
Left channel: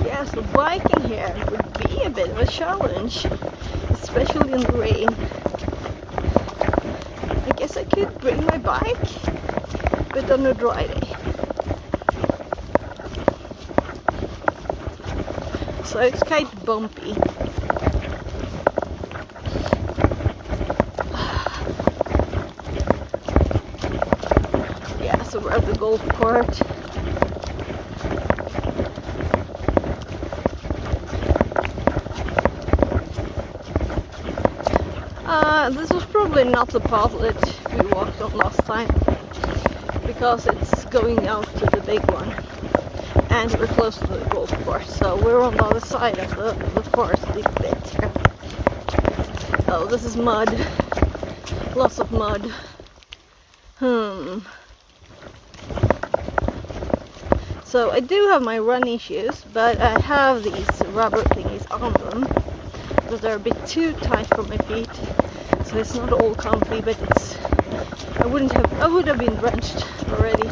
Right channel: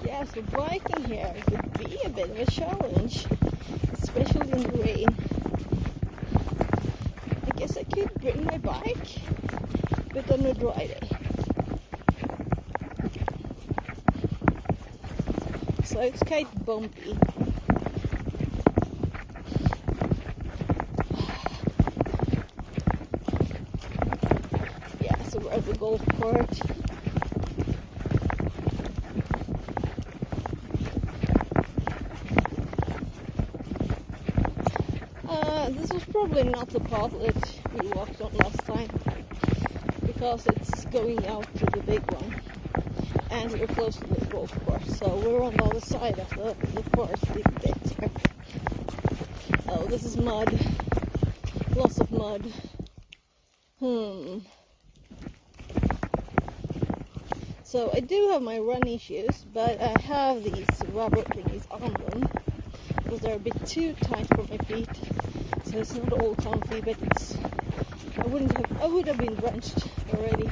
Yeah, so biking here would be a bit of a challenge, especially in the rain. I guess I could bring my bike, but on a dry day. So it's quite bumpy. Yeah, so we're at the golf court. This was probably not the path that we walked on last time, because it's going out to the big one and we're close to the golf course, so we're on the other side of the foresty bit here. Oh, this is mud, lots of mud. So I do have my running shoes, but I have these rubber thingies on them because they're a bit too tight for my feet, so it's not all comfy, but it's I would have been drenched already.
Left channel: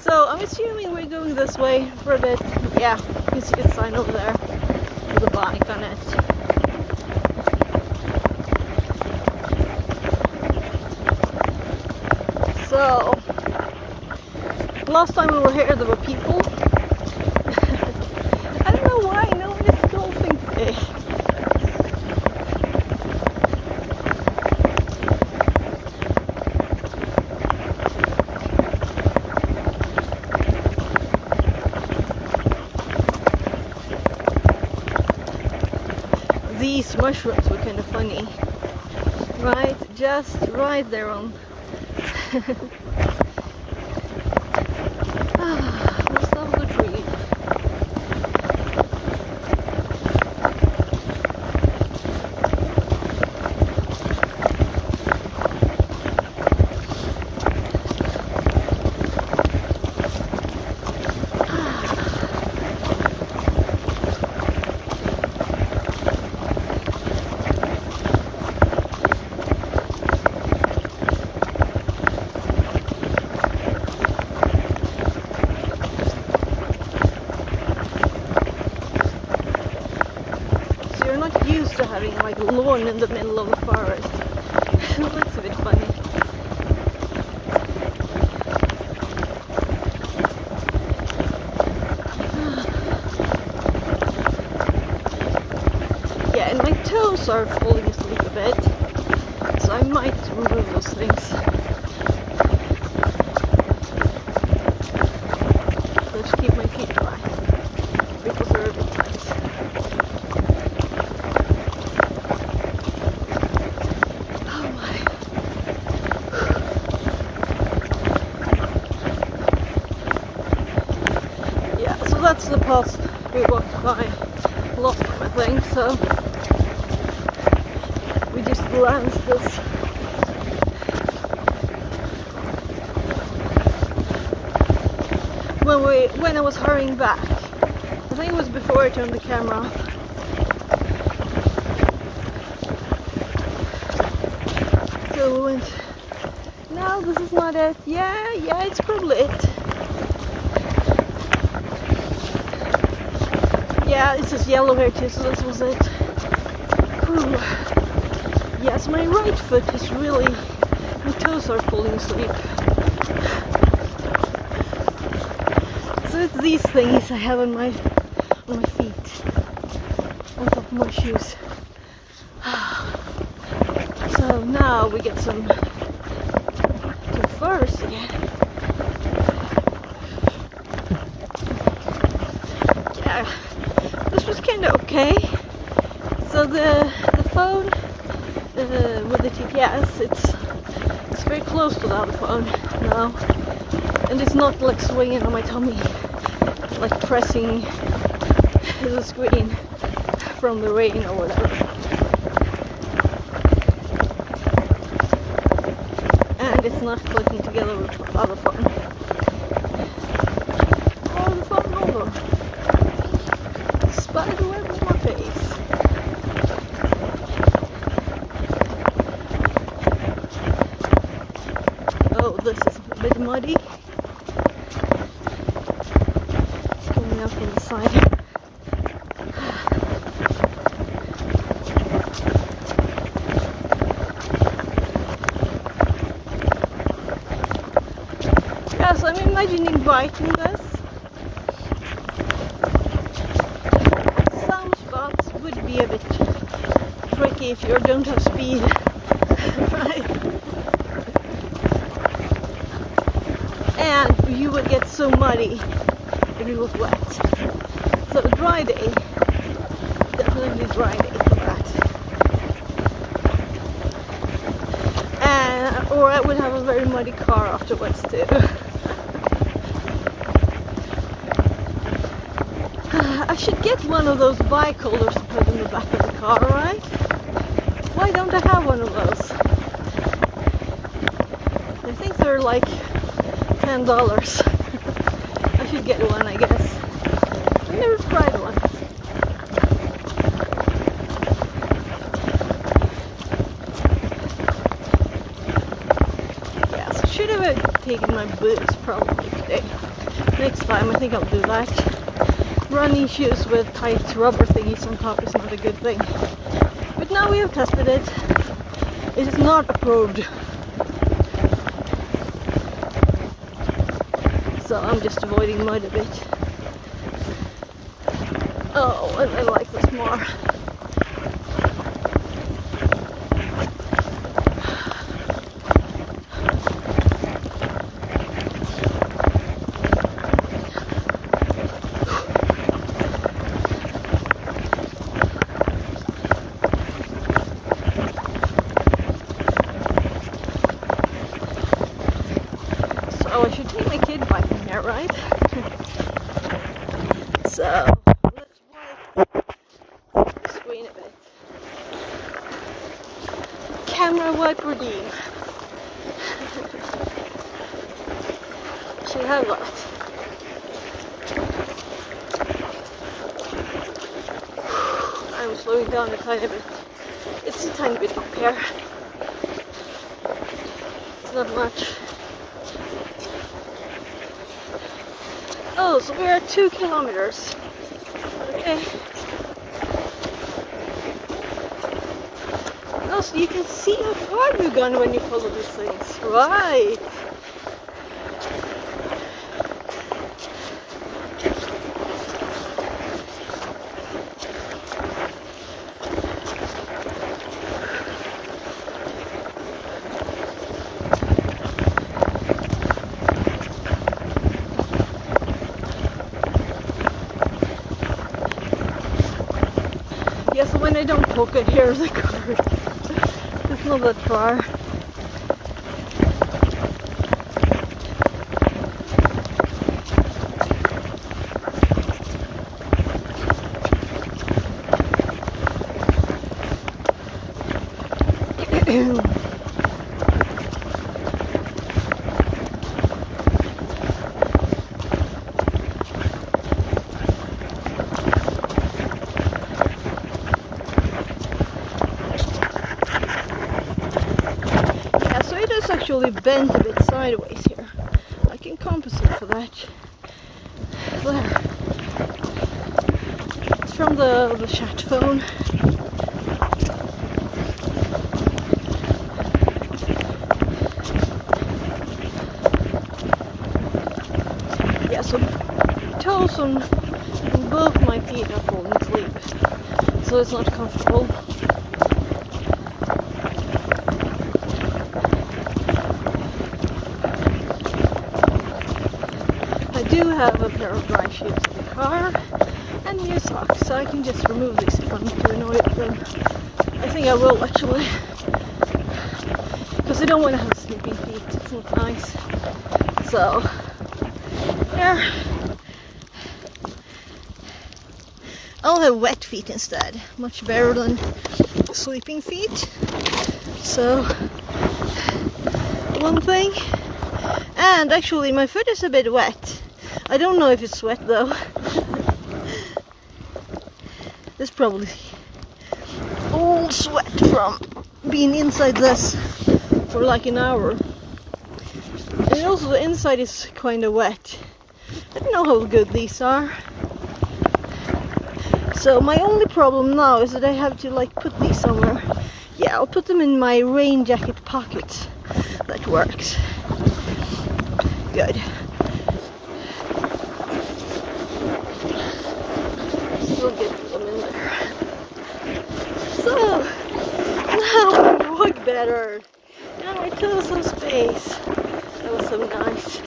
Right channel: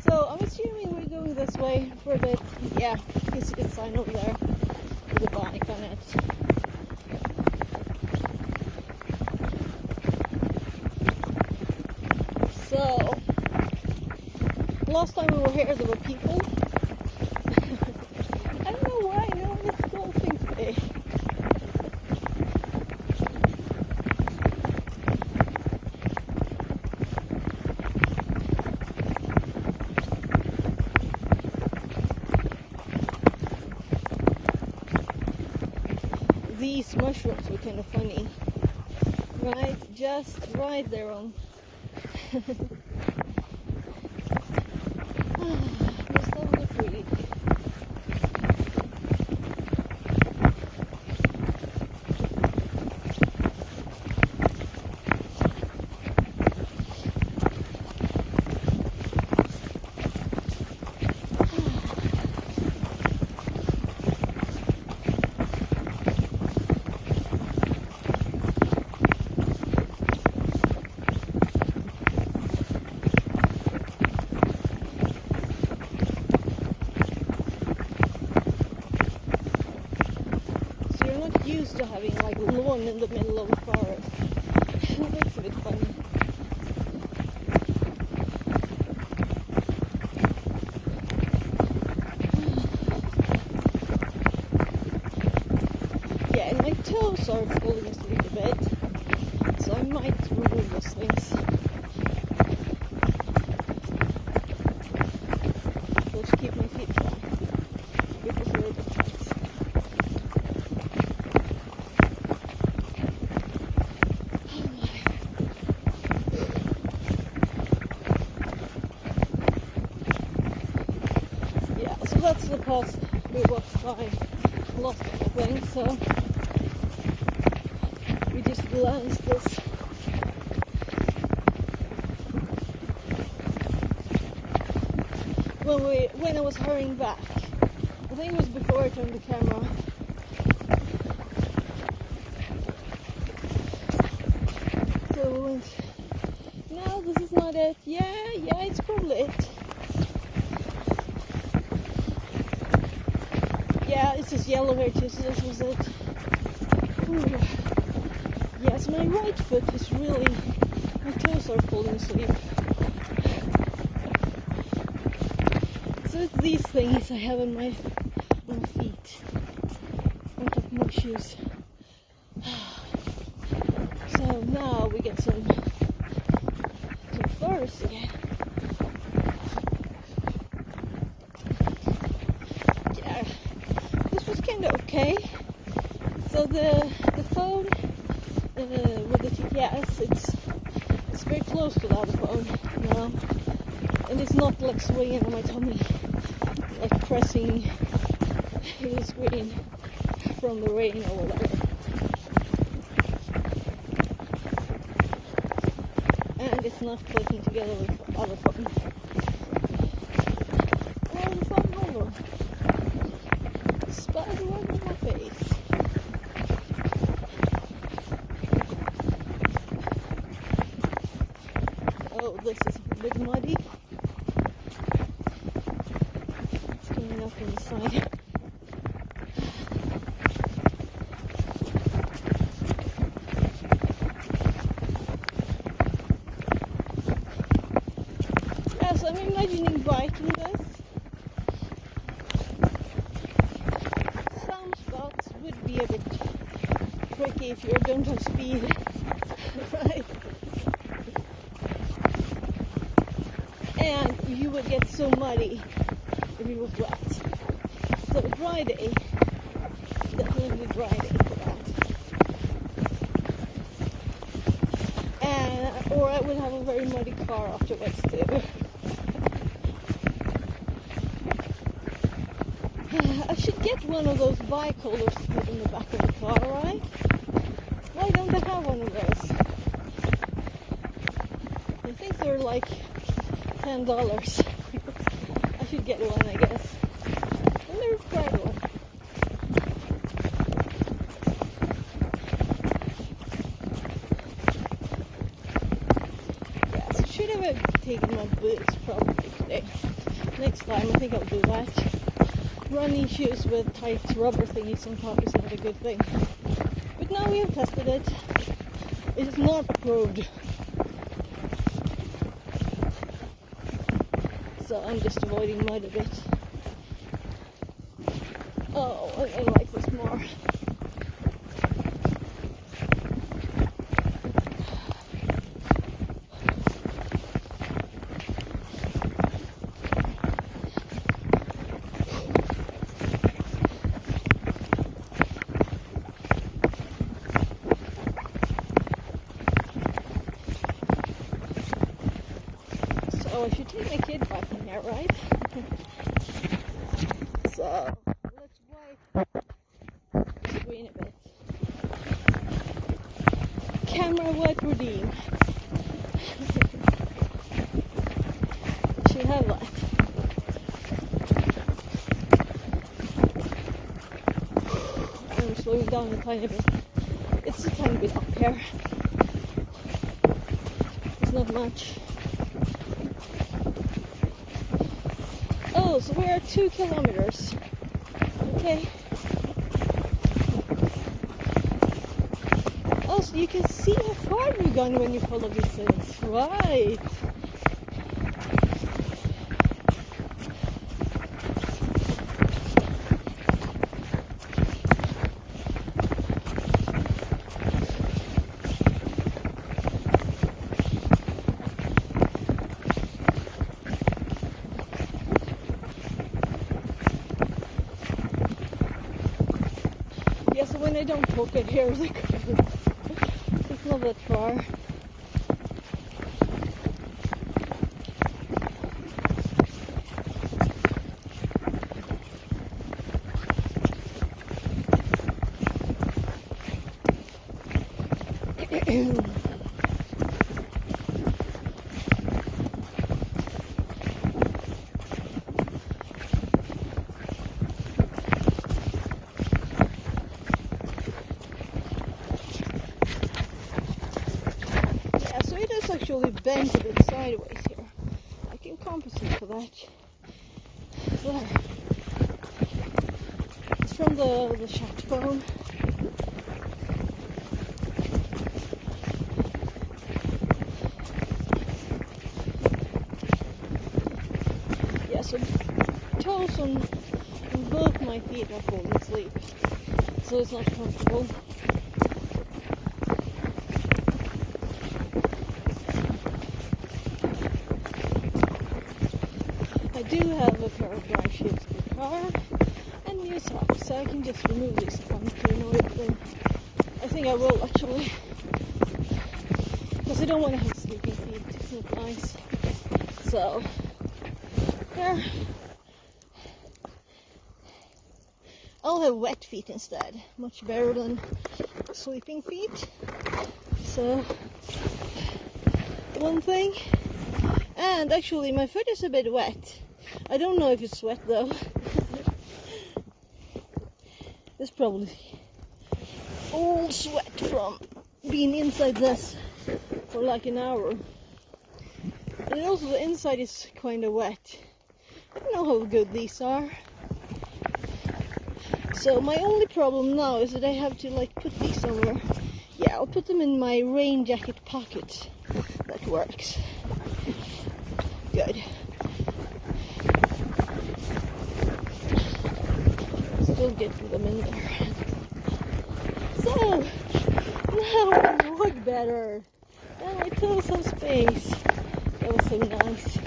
So I'm assuming we're going this way for a bit. Yeah, you can see the sign over there with a bike on it. So last time we were here there were people. I don't know why no one is golfing today. These mushrooms were kind of funny, right? Just right there on. Let's love the tree. Used to having like a lawn in the middle of the forest. It looks a bit funny. toes are falling asleep a bit, so I might remove those things. Let's keep my feet dry because they're a bit tight. Oh my. Yeah, so that's the path we walked by last time, I think, so we just glanced this. When I was hurrying back, I think it was before I turned the camera off. So we went, no, this is not it. Yeah, it's probably it. Yeah, it says yellow here too, so this was it. Whew. Yes, my right foot is really, my toes are falling asleep. So it's these things I have on my feet, on top of my shoes. So now we get some furs again. Yeah, this was kind of okay. So the phone with the GPS, it's very close to the other phone now, and it's not like swinging on my tummy, like pressing the screen from the rain or whatever. And it's not clicking together with the other phone. Oh, the phone over. Spider web in my face. Oh, this is a bit muddy. It's coming up on the side. Yes, I'm imagining biking this. Some spots would be a bit tricky if you don't have speed, right? And you would get so muddy if it was wet. So a dry day, definitely dry day for that. And, or I would have a very muddy car afterwards too. I should get one of those bike holders to put in the back of the car, right? Why don't I have one of those? I think they're like $10. I should get one, I guess. I never tried one. Yeah, so should have taken my boots probably today. Next time I think I'll do that. Running shoes with tight rubber thingies on top is not a good thing. But now we have tested it. It is not approved. So I'm just avoiding mud a bit. Oh, and I like this more. Oh, I should take my kid biking here, right? So, let's wipe the screen a bit. Camera wipe routine. Should have that. I'm slowing down a tiny bit. It's a tiny bit up here. It's not much. Oh, so we're at 2 kilometers. Okay. Oh, so you can see how far you've gone when you follow these things. Right. Yeah, so when I don't poke it, here's the car. It's not that far. It's actually bent a bit sideways here. I can compensate for that. There. It's from the chat phone. Yeah, so toes on both my feet are falling asleep, so it's not comfortable. I do have a pair of dry shoes in the car and new socks, so I can just remove these if I'm too annoyed with them. I think I will actually, because I don't want to have sleeping feet, it's not nice. So, yeah, I'll have wet feet instead, much better than sleeping feet. So, one thing. And actually my foot is a bit wet. I don't know if it's wet though. It's probably all sweat from being inside this for like an hour. And also the inside is kind of wet. I don't know how good these are. So my only problem now is that I have to like put these somewhere. Yeah, I'll put them in my rain jacket pocket. That works. Good. We'll get them in there. So, now I can walk better. And my toes have space. That was so nice.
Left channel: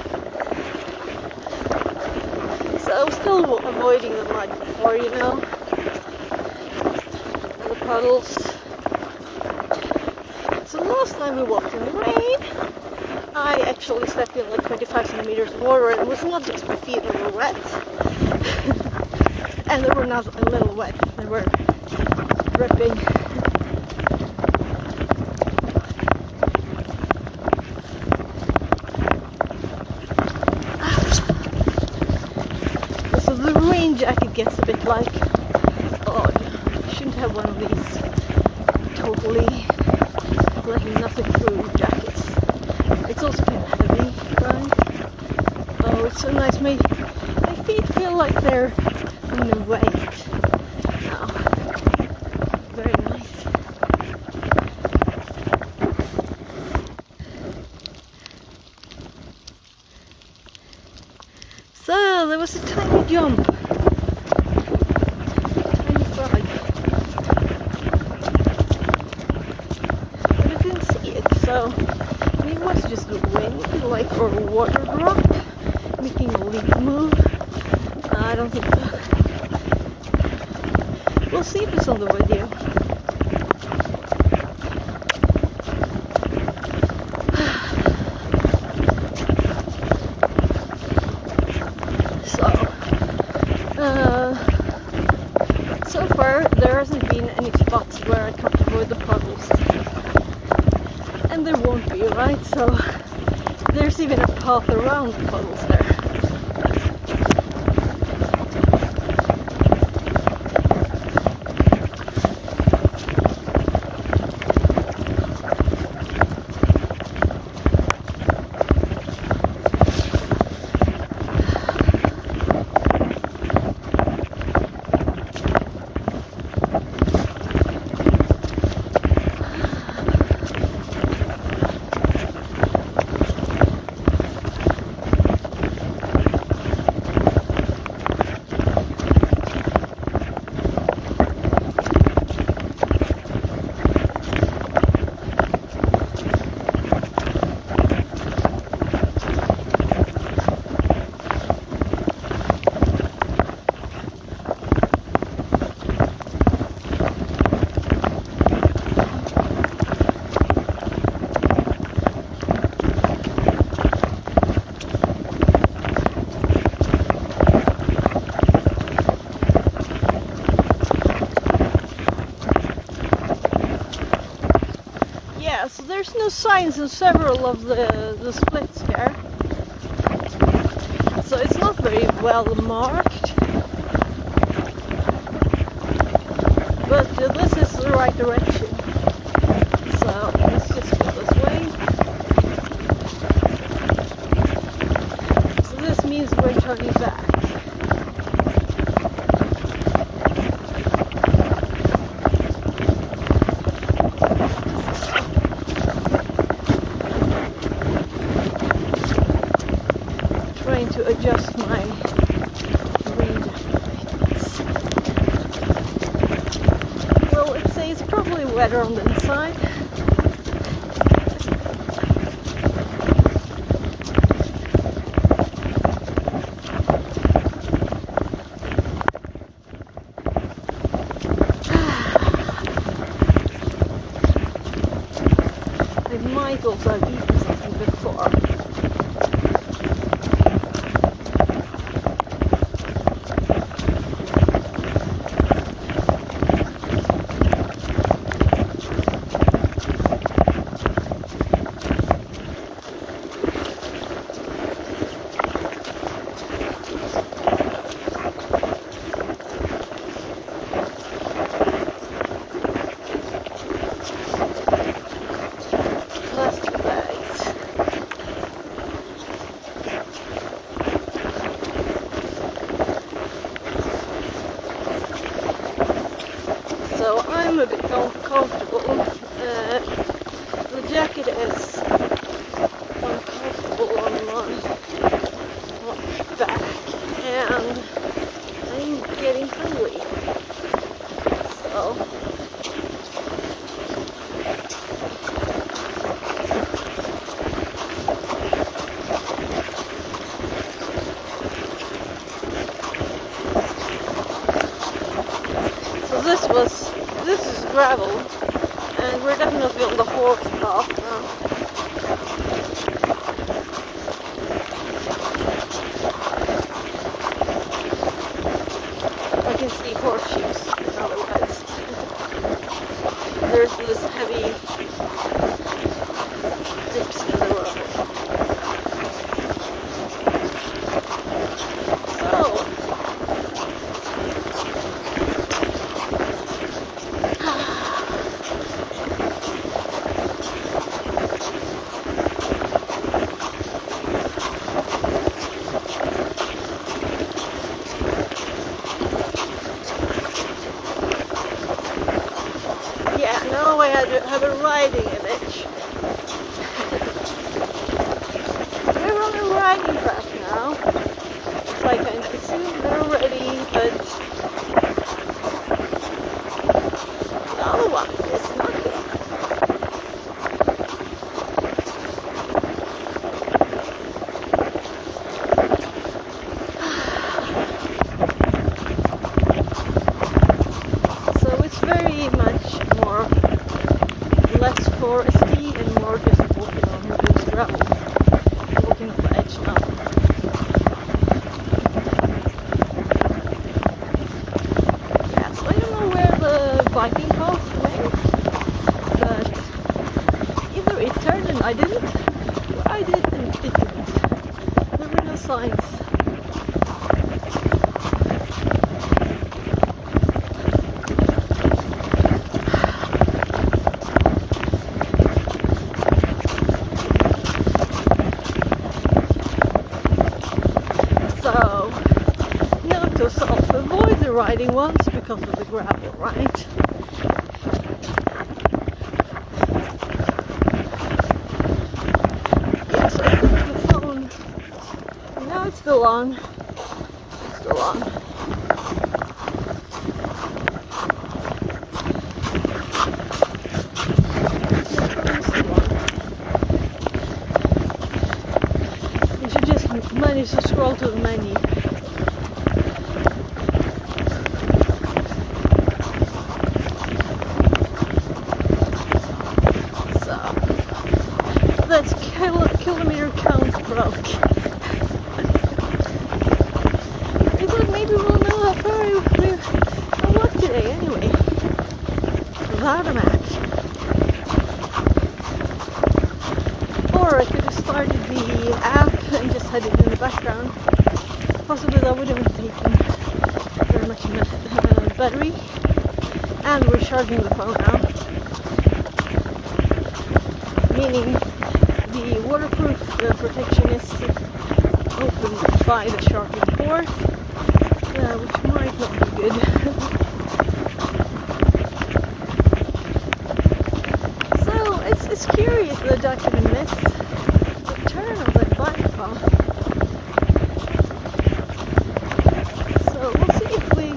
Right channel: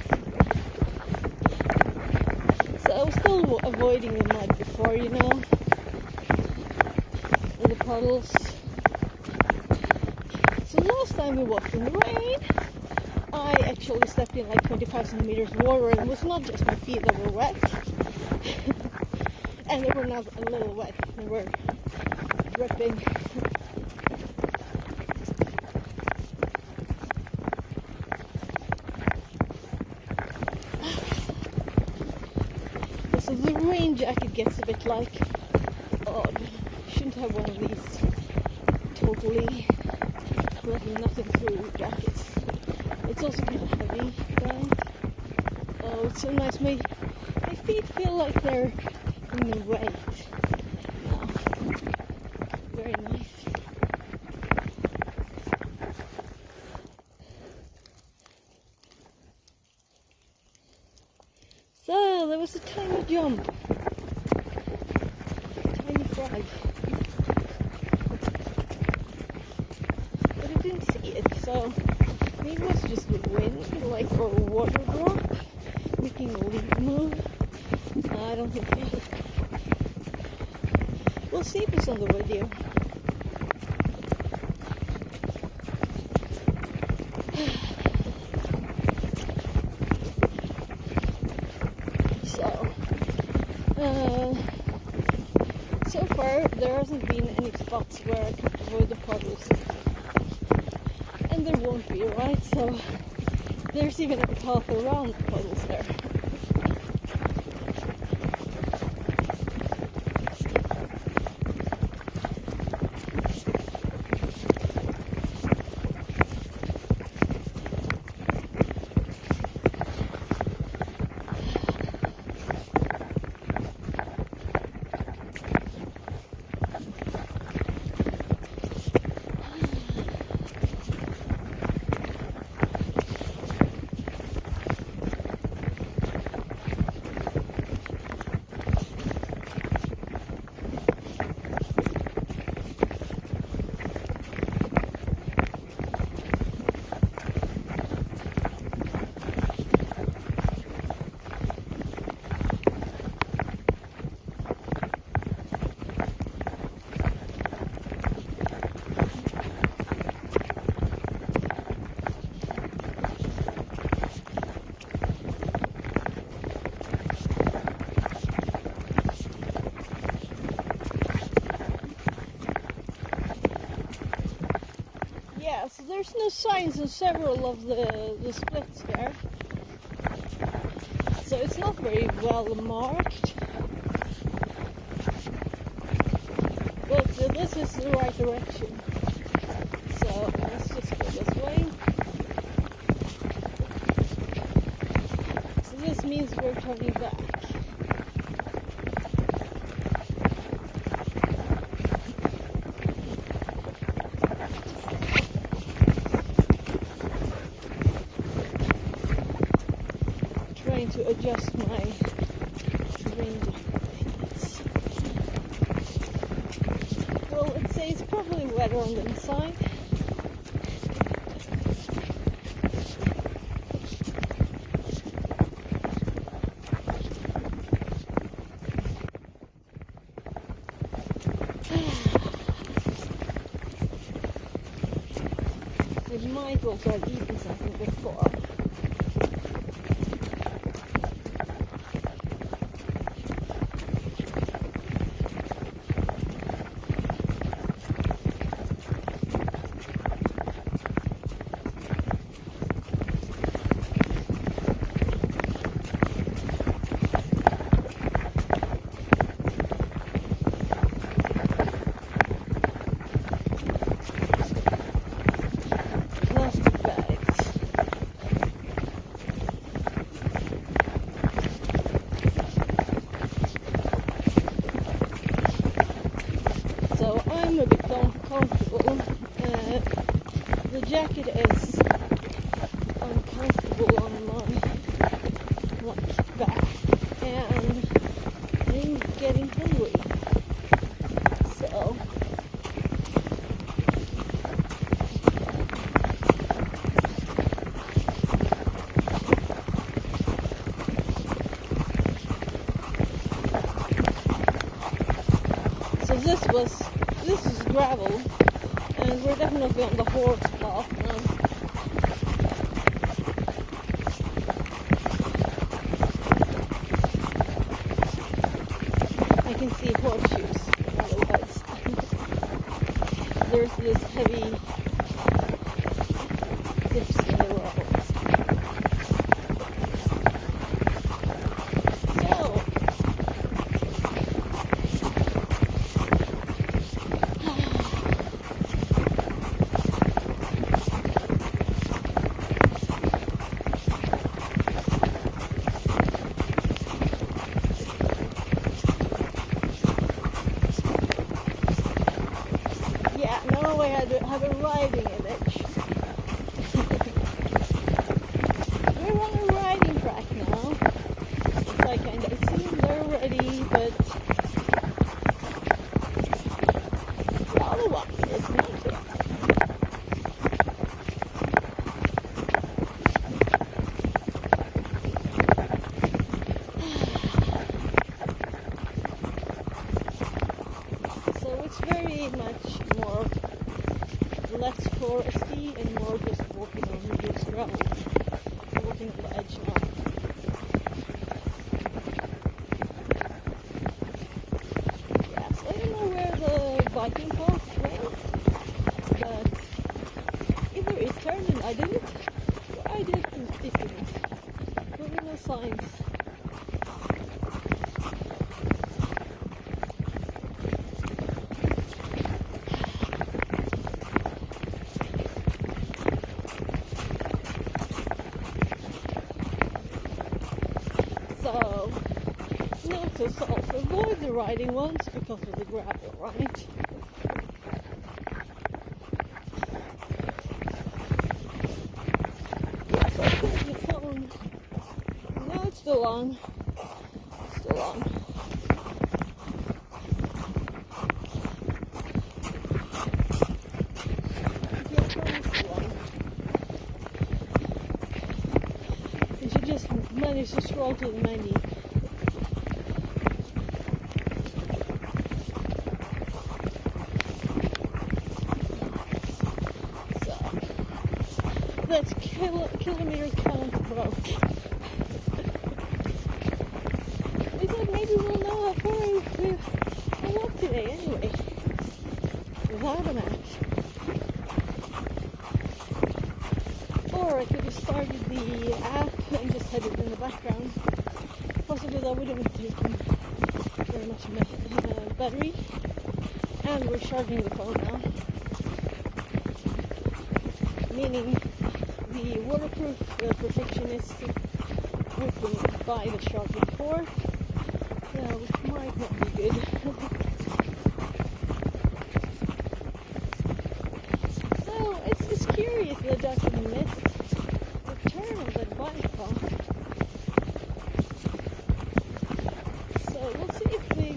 So I was still avoiding the mud before, you know. And the puddles. So last time we walked in the rain, I actually stepped in like 25 centimeters of water, and it was not just my feet that were wet. And they were not a little wet, they were dripping. So the rain jacket gets a bit like odd. I shouldn't have one of these totally letting nothing through jackets. It's also kind of heavy, right? Oh, it's so nice. My feet feel like they're in the weight now. Very nice. So there was a tiny jump. Tiny frog. But I didn't see it, so it was just the wind, like, or a water drop making a leaf move. I don't think so. We'll see if it's on the video. So far there hasn't been any spots where I can't avoid the puddles. And there won't be, right? So there's even a path around the puddles there. there's no signs in several of the splits here, so it's not very well marked. But this is the right direction, so let's just go this way. So this means we're turning back. Trying to adjust my range of lights. Well, it says probably wetter on the inside. I might also have eaten something before. Plastic bags. So I'm a bit uncomfortable. The jacket is uncomfortable on my back, and I'm getting hungry. So this is gravel, and we're definitely on the horse path now. I can see horseshoes, otherwise there's this heavy dips in the road. So yeah, now I have a riding image. We're on a riding track now. It's like I assume they're ready, but the other one is not good. So it's very much more less foresty and more just walking on loose gravel, walking on the edge now. Yeah, so I don't know where the biking path went, but either it turned and I didn't, or I did and it didn't. There were no signs. So, note to self, avoid the riding ones because of the gravel, right? Yes, I put the phone. No, it's still on. It's still on. Yeah, it's still on. You should just manage to scroll to the menu. So that's kilometer count broke. I thought maybe we'll know how far I walked today anyway, without a map. started the app and just had it in the background, possibly that would have taken very much battery. And we're charging the phone now, meaning the waterproof protection is opened by the charging port, which might not be good. So it's curious that I actually missed the turn of that bike path. So we'll see if we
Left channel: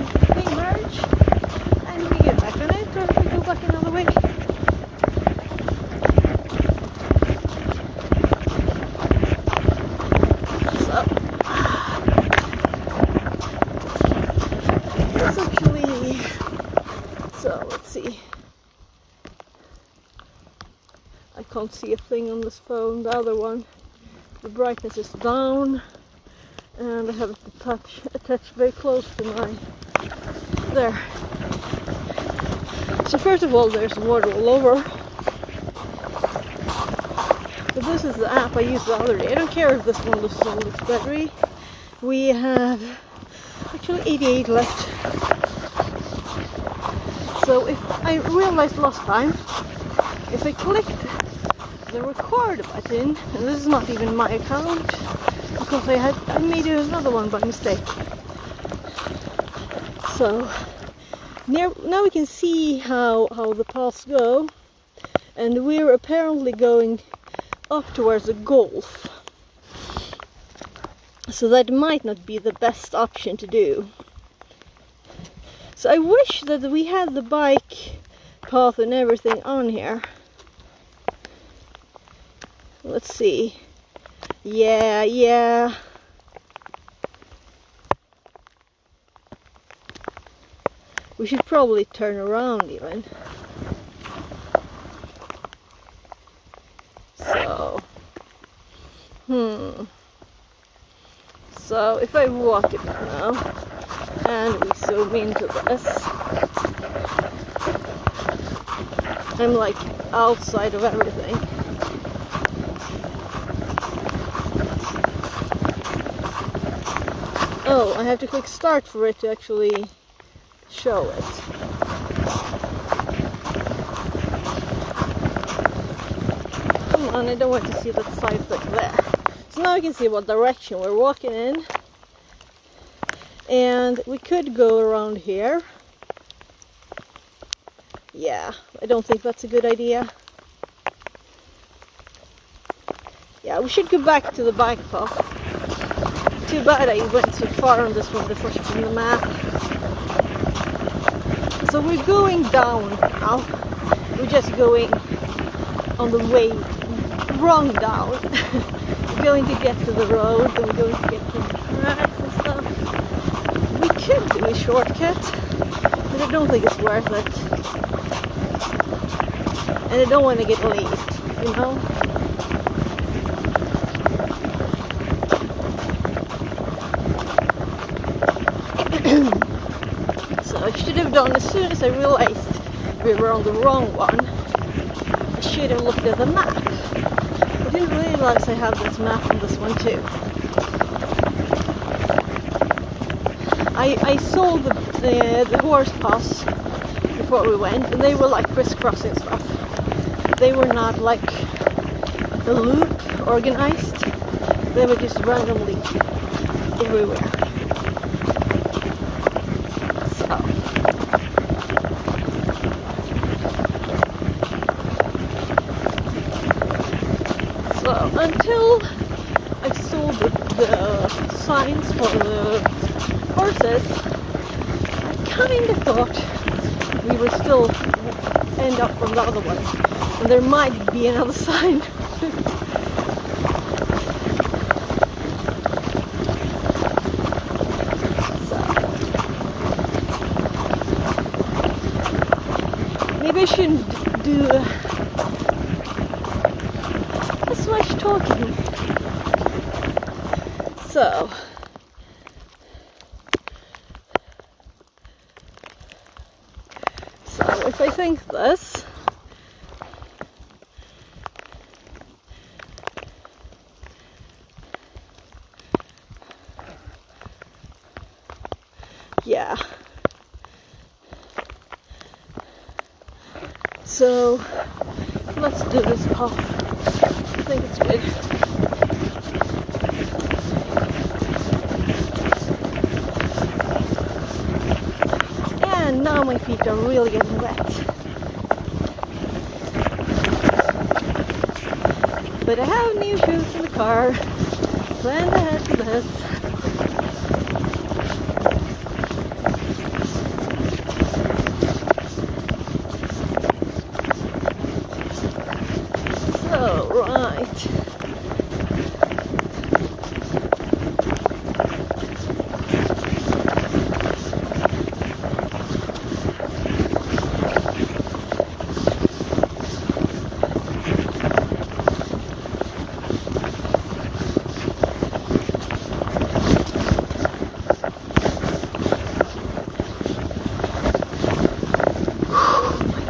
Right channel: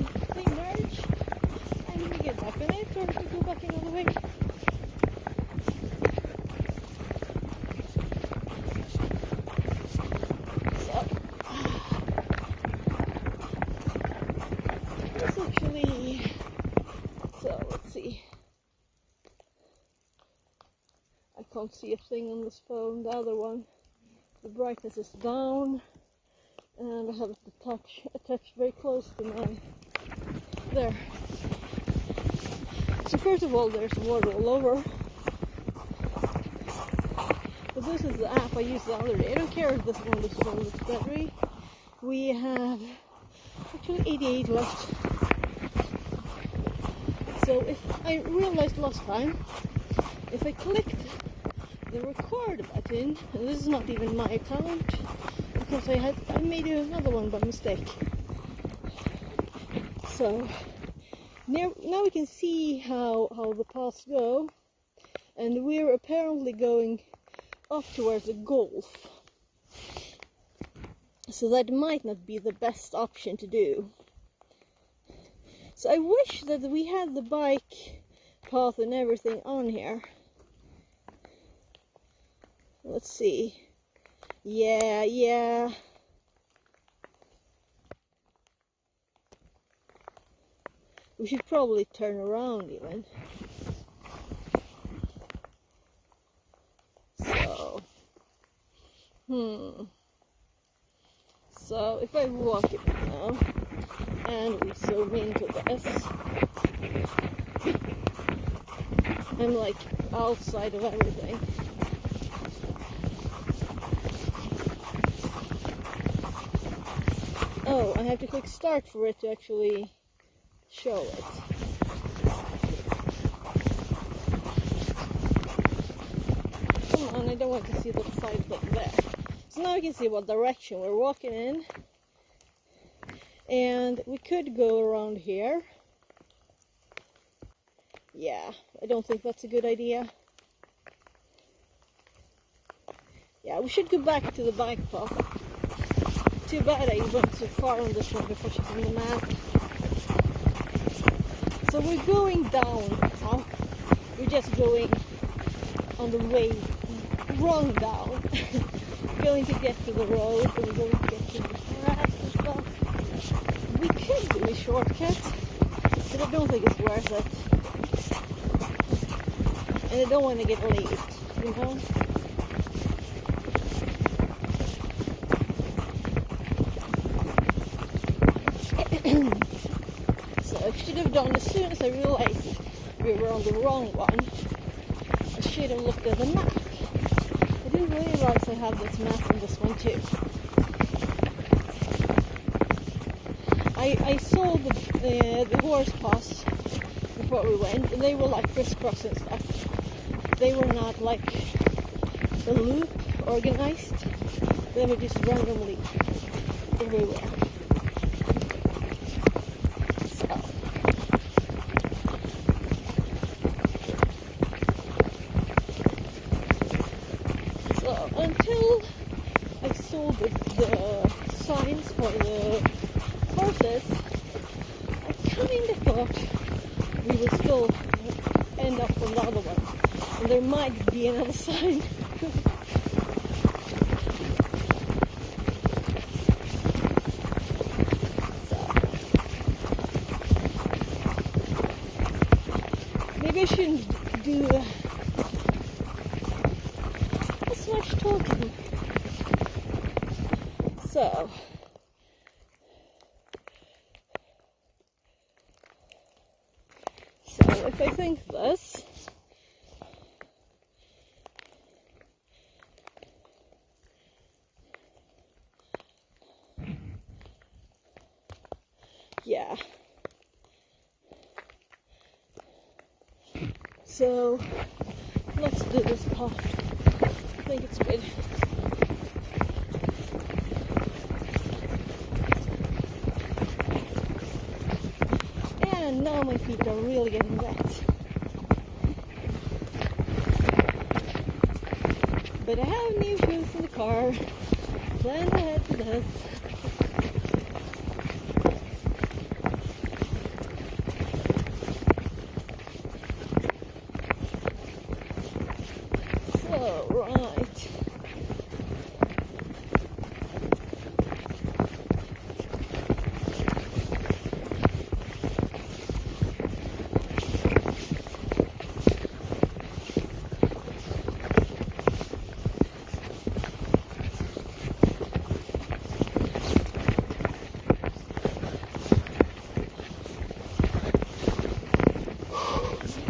merge and we get back on it, or if we go back another way. So it's actually, so let's see. I can't see a thing on this phone. The other one, the brightness is down, and I have it attached very close to mine. There. So first of all, there's water all over. But this is the app I used the other day. I don't care if this one loses all its battery. We have actually 88 left. So if I realized last time, if I clicked the record button, and this is not even my account, because I made another one by mistake. So now we can see how the paths go, and we're apparently going up towards the Gulf. So that might not be the best option to do. So I wish that we had the bike path and everything on here. Let's see. Yeah. We should probably turn around even. So, So if I walk it now, and we zoom into this, I'm like outside of everything. Oh, I have to click start for it to actually show it. Come on, I don't want to see that side like there. So now we can see what direction we're walking in. And we could go around here. Yeah, I don't think that's a good idea. Yeah, we should go back to the bike path. Too bad I went so far on this one before checking the map. So we're going down now. We're just going on the way wrong down. We're going to get to the road, and we're going to get to the tracks and stuff. We could do a shortcut, but I don't think it's worth it. And I don't want to get late, you know? So I should have done, as soon as I realized we were on the wrong one, I should have looked at the map. I didn't realize I have this map on this one too. I saw the horse pass before we went, and they were like crisscrossing stuff. They were not like a loop organized. They were just randomly everywhere. So until I saw the signs for the horses, I kind of thought we would still end up on the other one, and there might be another sign. Maybe I shouldn't do as much talking. So, if I think this, Yeah. So let's do this off. I think it's good. And now my feet are really getting wet. But I have new shoes in the car. Planned ahead for this. So, right.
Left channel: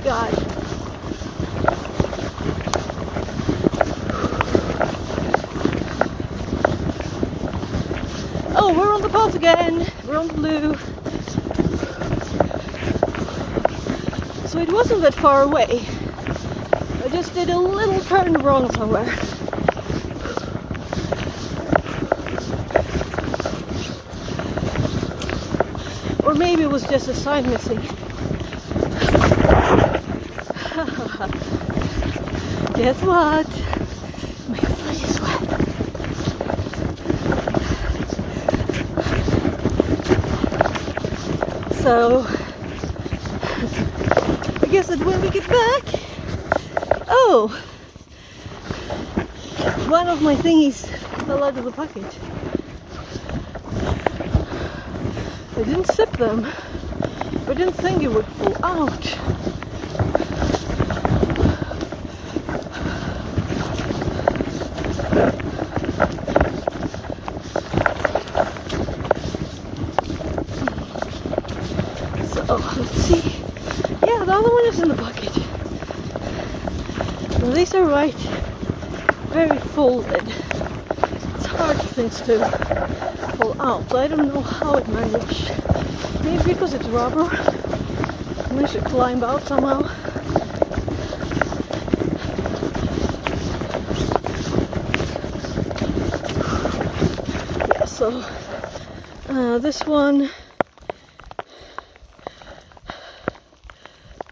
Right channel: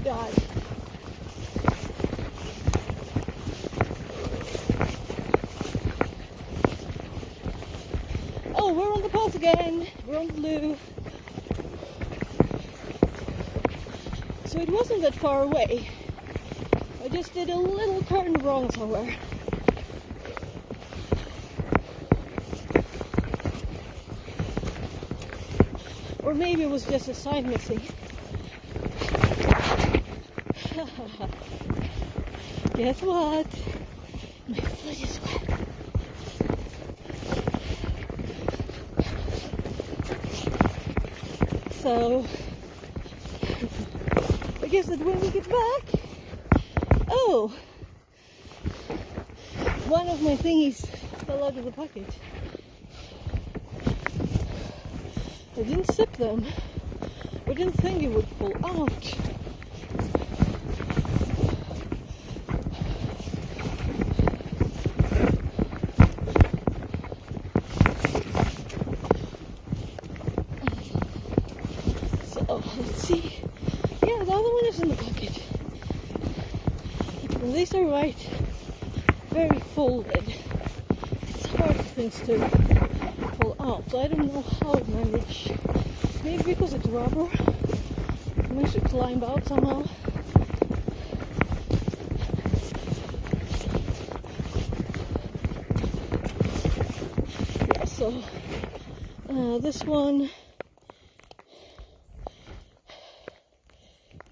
God. Oh, we're on the path again. We're on the blue. So it wasn't that far away. I just did a little turn wrong somewhere. Or maybe it was just a sign missing. Guess what? My foot is wet. So, I guess that when we get back, oh, one of my thingies fell out of the pocket. I didn't zip them. I didn't think it would fall out. Oh, let's see. Yeah, the other one is in the bucket. Well, these are right, very folded. It's hard for things to fall out. I don't know how it managed. Maybe because it's rubber. I managed to climb out somehow. Yeah, so this one.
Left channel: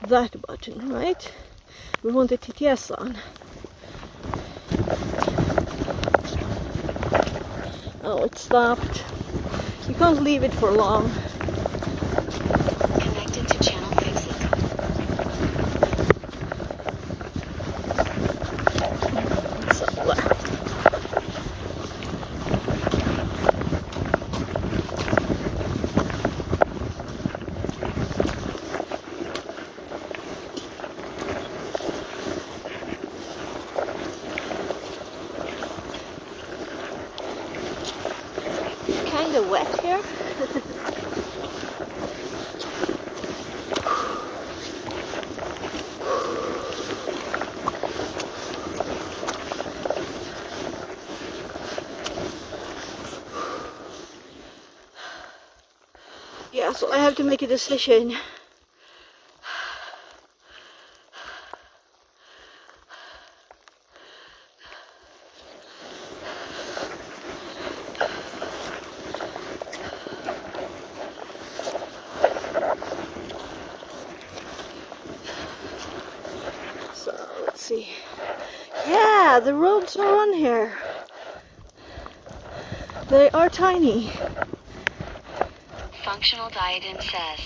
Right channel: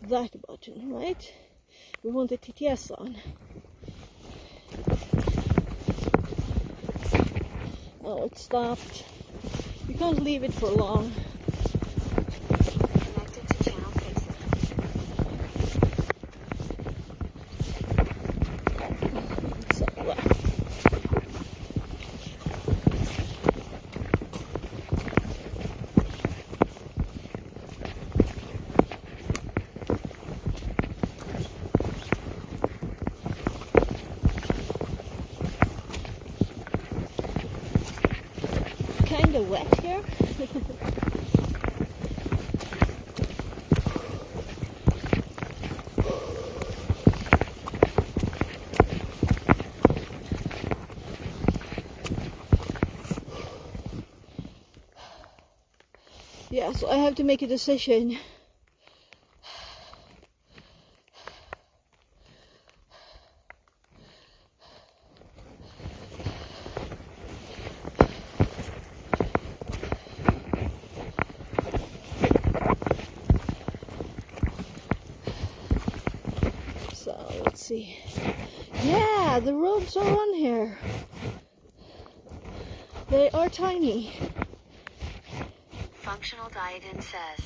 That button, right? We want the TTS on. Oh, it stopped. You can't leave it for long. Connected to channel fix it. So there. Kind of wet here. Yeah, so I have to make a decision. Let's see. Yeah, the roads are on here. They are tiny. Functional diadem says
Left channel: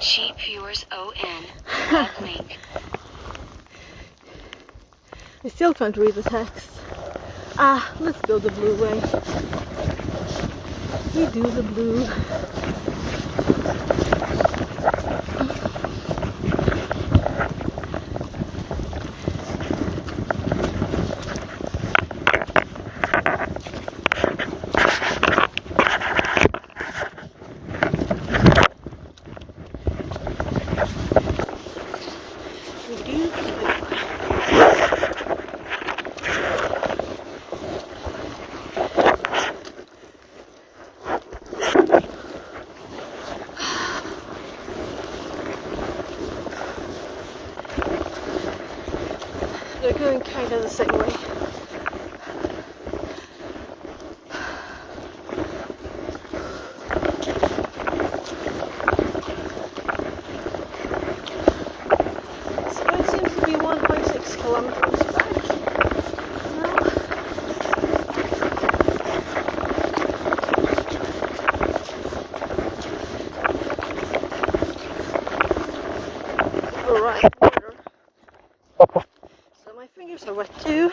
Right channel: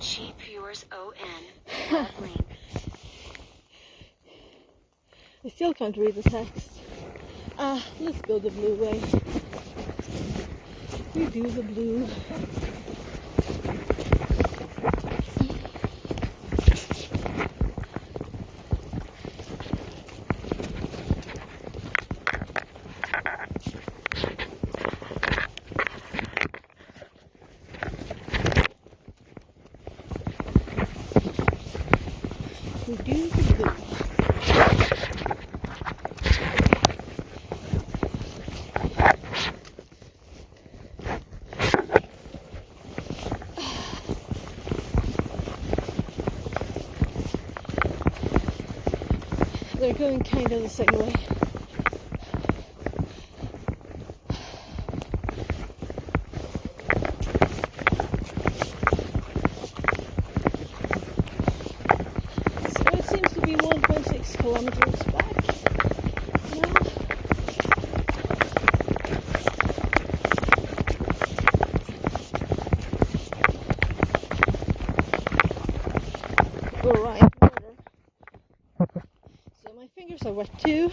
sheep viewers ON web link. I still can't read the text. Ah, let's go the blue way. We do the blue. We do the blue. they're going kind of the same way. So it seems to be 1.6 kilometers back now. Alright, water. So my fingers are wet too.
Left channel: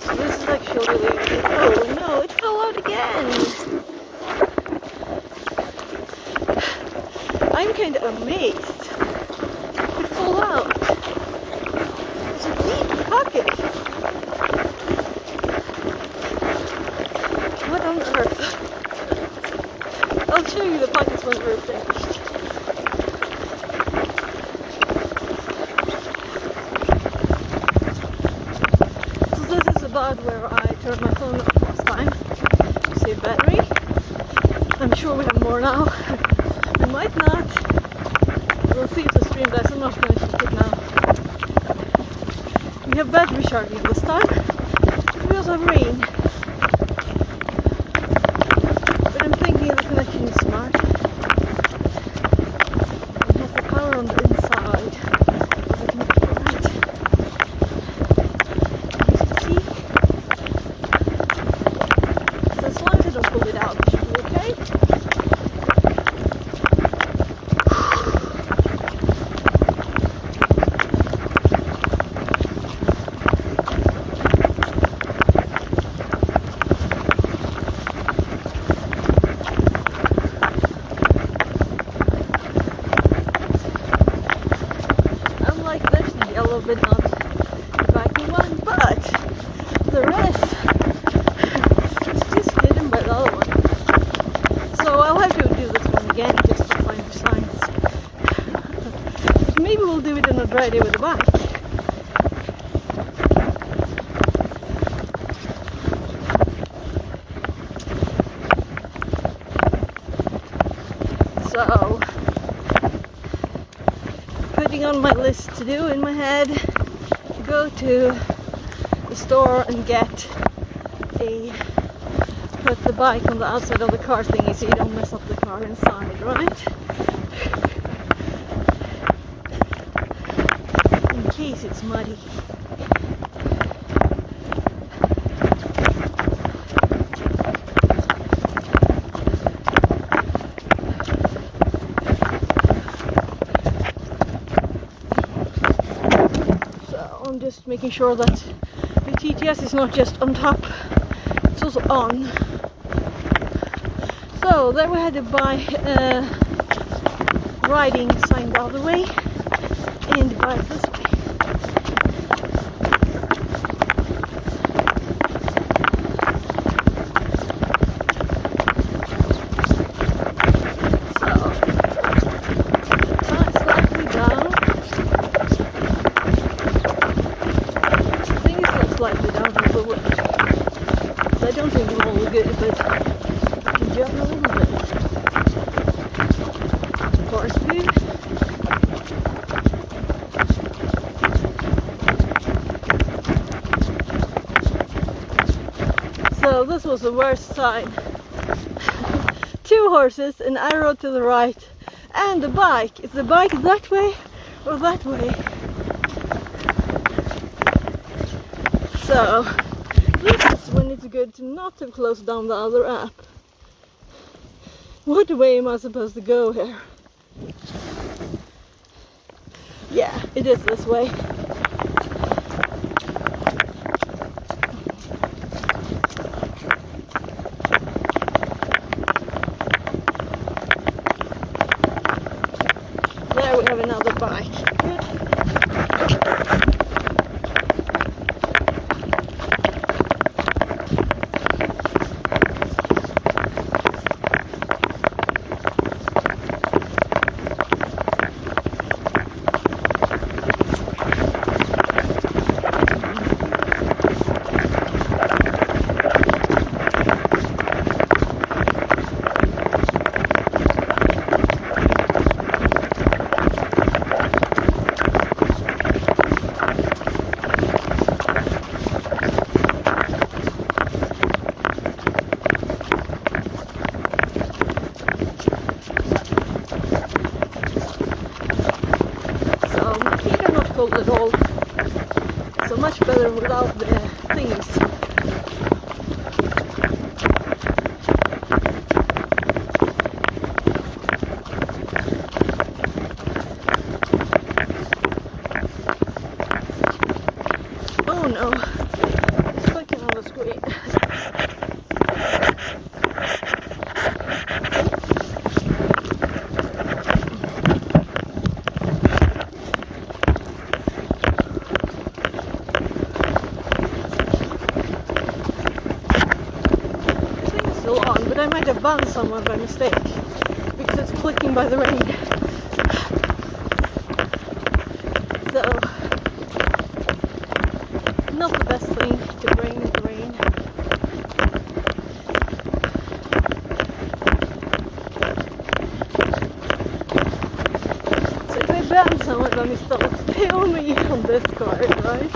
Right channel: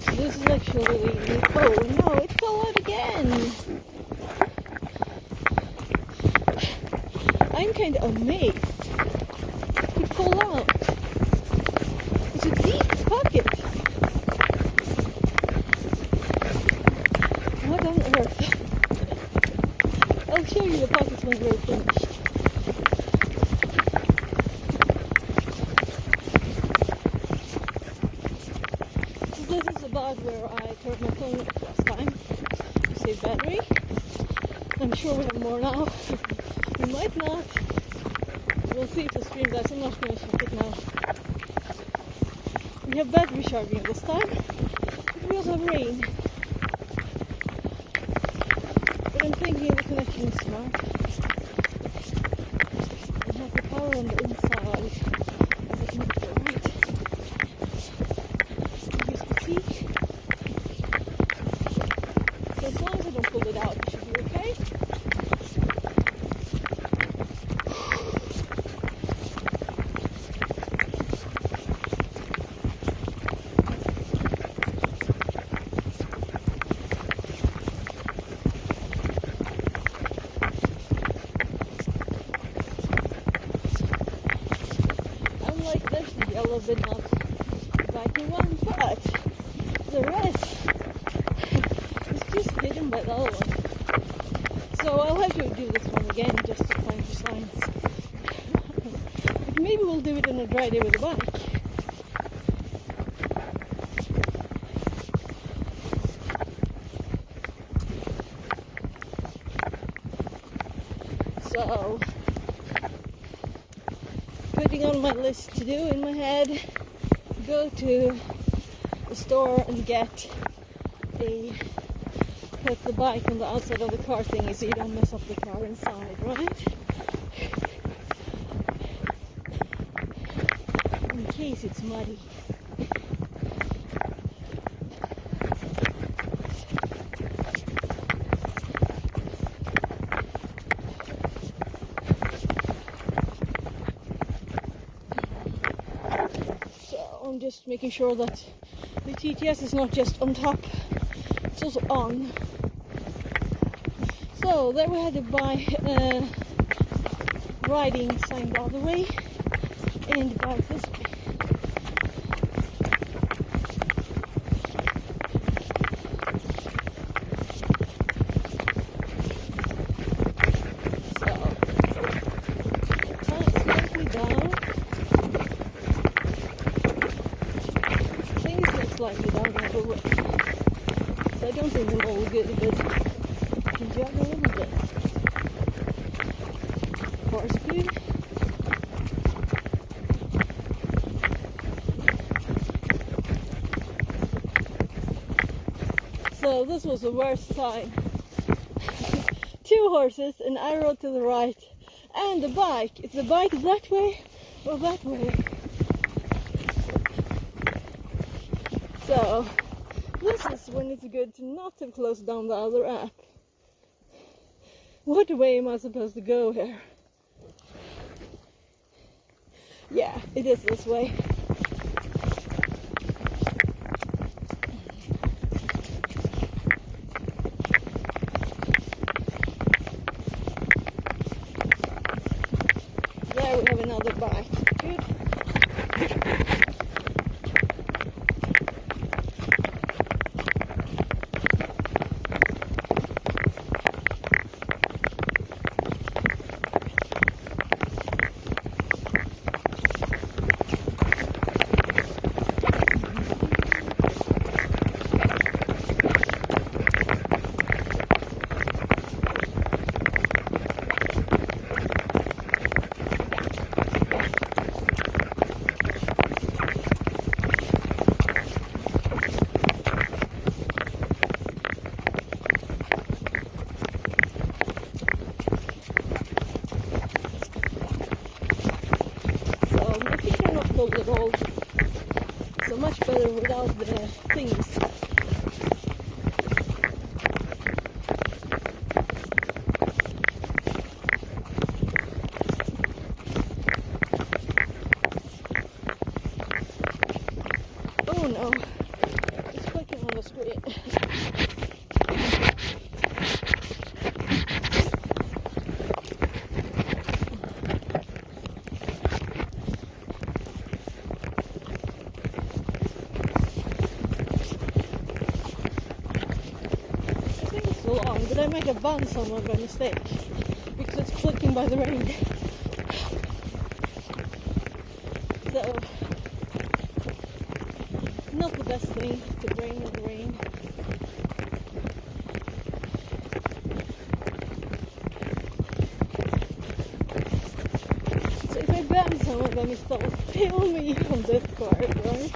So this is actually really, oh no, it fell out again. I'm kind of amazed. It fell out. It's a deep pocket. What on earth? I'll show you the pockets when we're finished. So this is about where I turned my phone off last time to save battery. I'm sure we have more now. We might not. We'll see if the stream dies. I'm not going to check it now. We have battery charging this time. We also have rain. But I'm thinking the connection is smart. It has the power on the inside of the connector, right? Use the key. So as long as I don't pull it out, it should be okay. Like this, the yellow but not the biking one, but the rest is just hidden by the other one. So I'll have to do this one again just to find the signs. But maybe we'll do it on a dry day with the bike. So putting on my list to do in my head, go to the store and put the bike on the outside of the car thingy so you don't mess up the car inside, right? In case it's muddy. I'm just making sure that the TTS is not just on top, it's also on. So there we had to buy riding sign the other way and the bike this way. So slightly down. Slightly down a little bit. So I don't think I'm all good, but I can jump a little bit. Force speed. So this was the worst sign. 2 horses, an arrow to the right, and the bike. Is the bike that way or that way? So, this is when it's good to not have closed down the other app. What way am I supposed to go here? Yeah, it is this way. There we have another bike. Good. cold at all. So much better without the things. Oh no, it's clicking on the screen. Still on, but I might have banned someone by mistake because it's clicking by the rain. So, not the best thing to bring in the rain. So if I ban someone by mistake, it's still me on this card, right?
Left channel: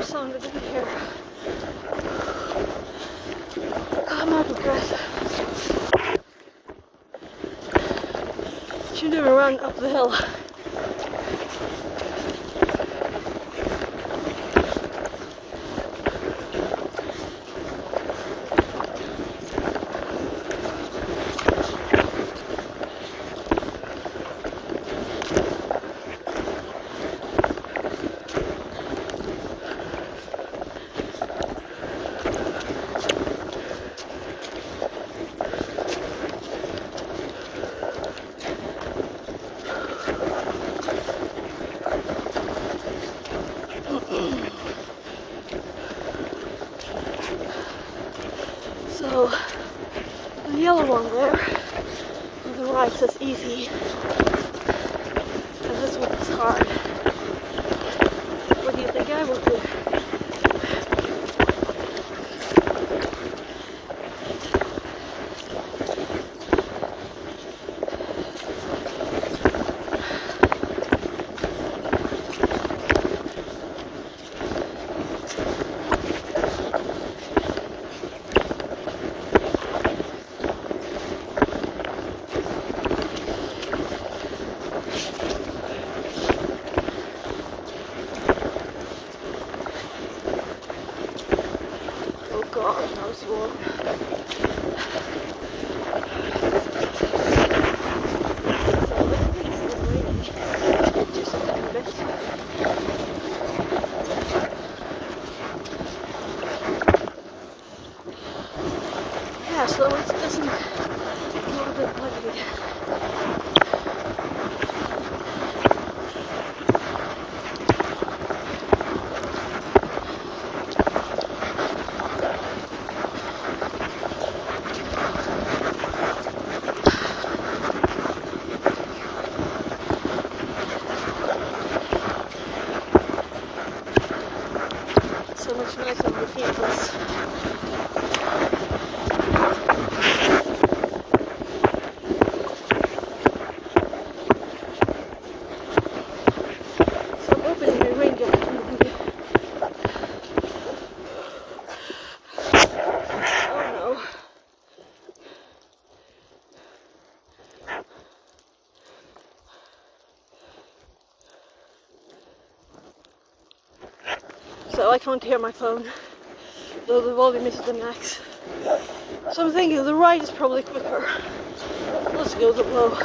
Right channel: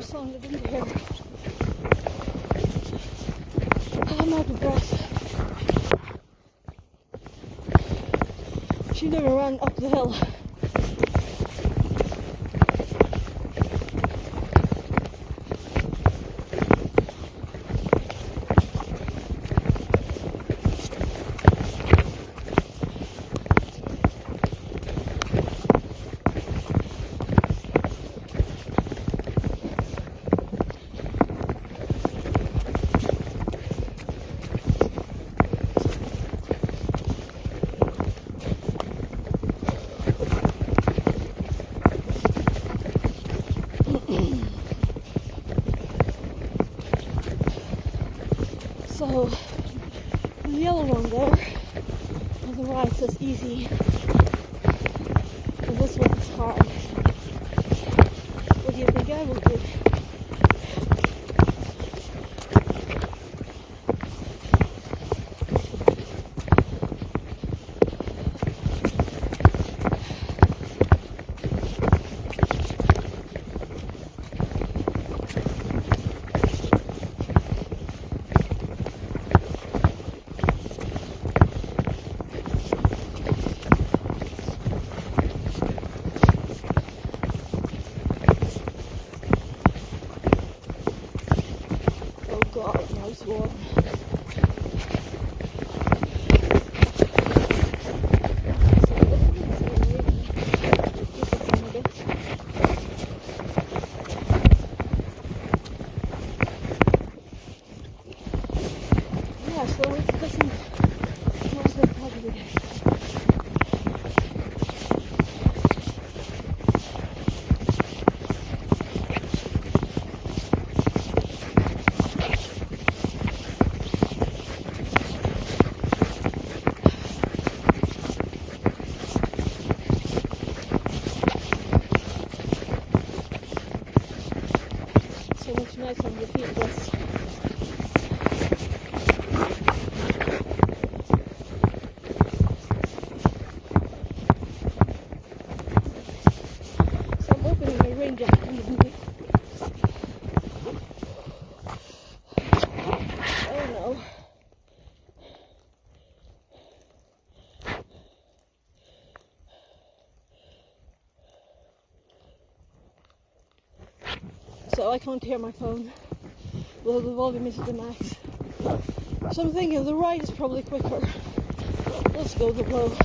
Sounded in here. I'm out of breath. Shouldn't even run up the hill. So the yellow one there on the right says easy, and this one is hard. What do you think I will do? God, now it's warm. So I think it's raining just a tiny bit. Yeah, so it doesn't not a bit buggy. So much nicer on the field bus. So I'm opening my rain jacket in the video. Oh no. So I can't hear my phone, though the volume is at the max. So I'm thinking the right is probably quicker. Let's go the low.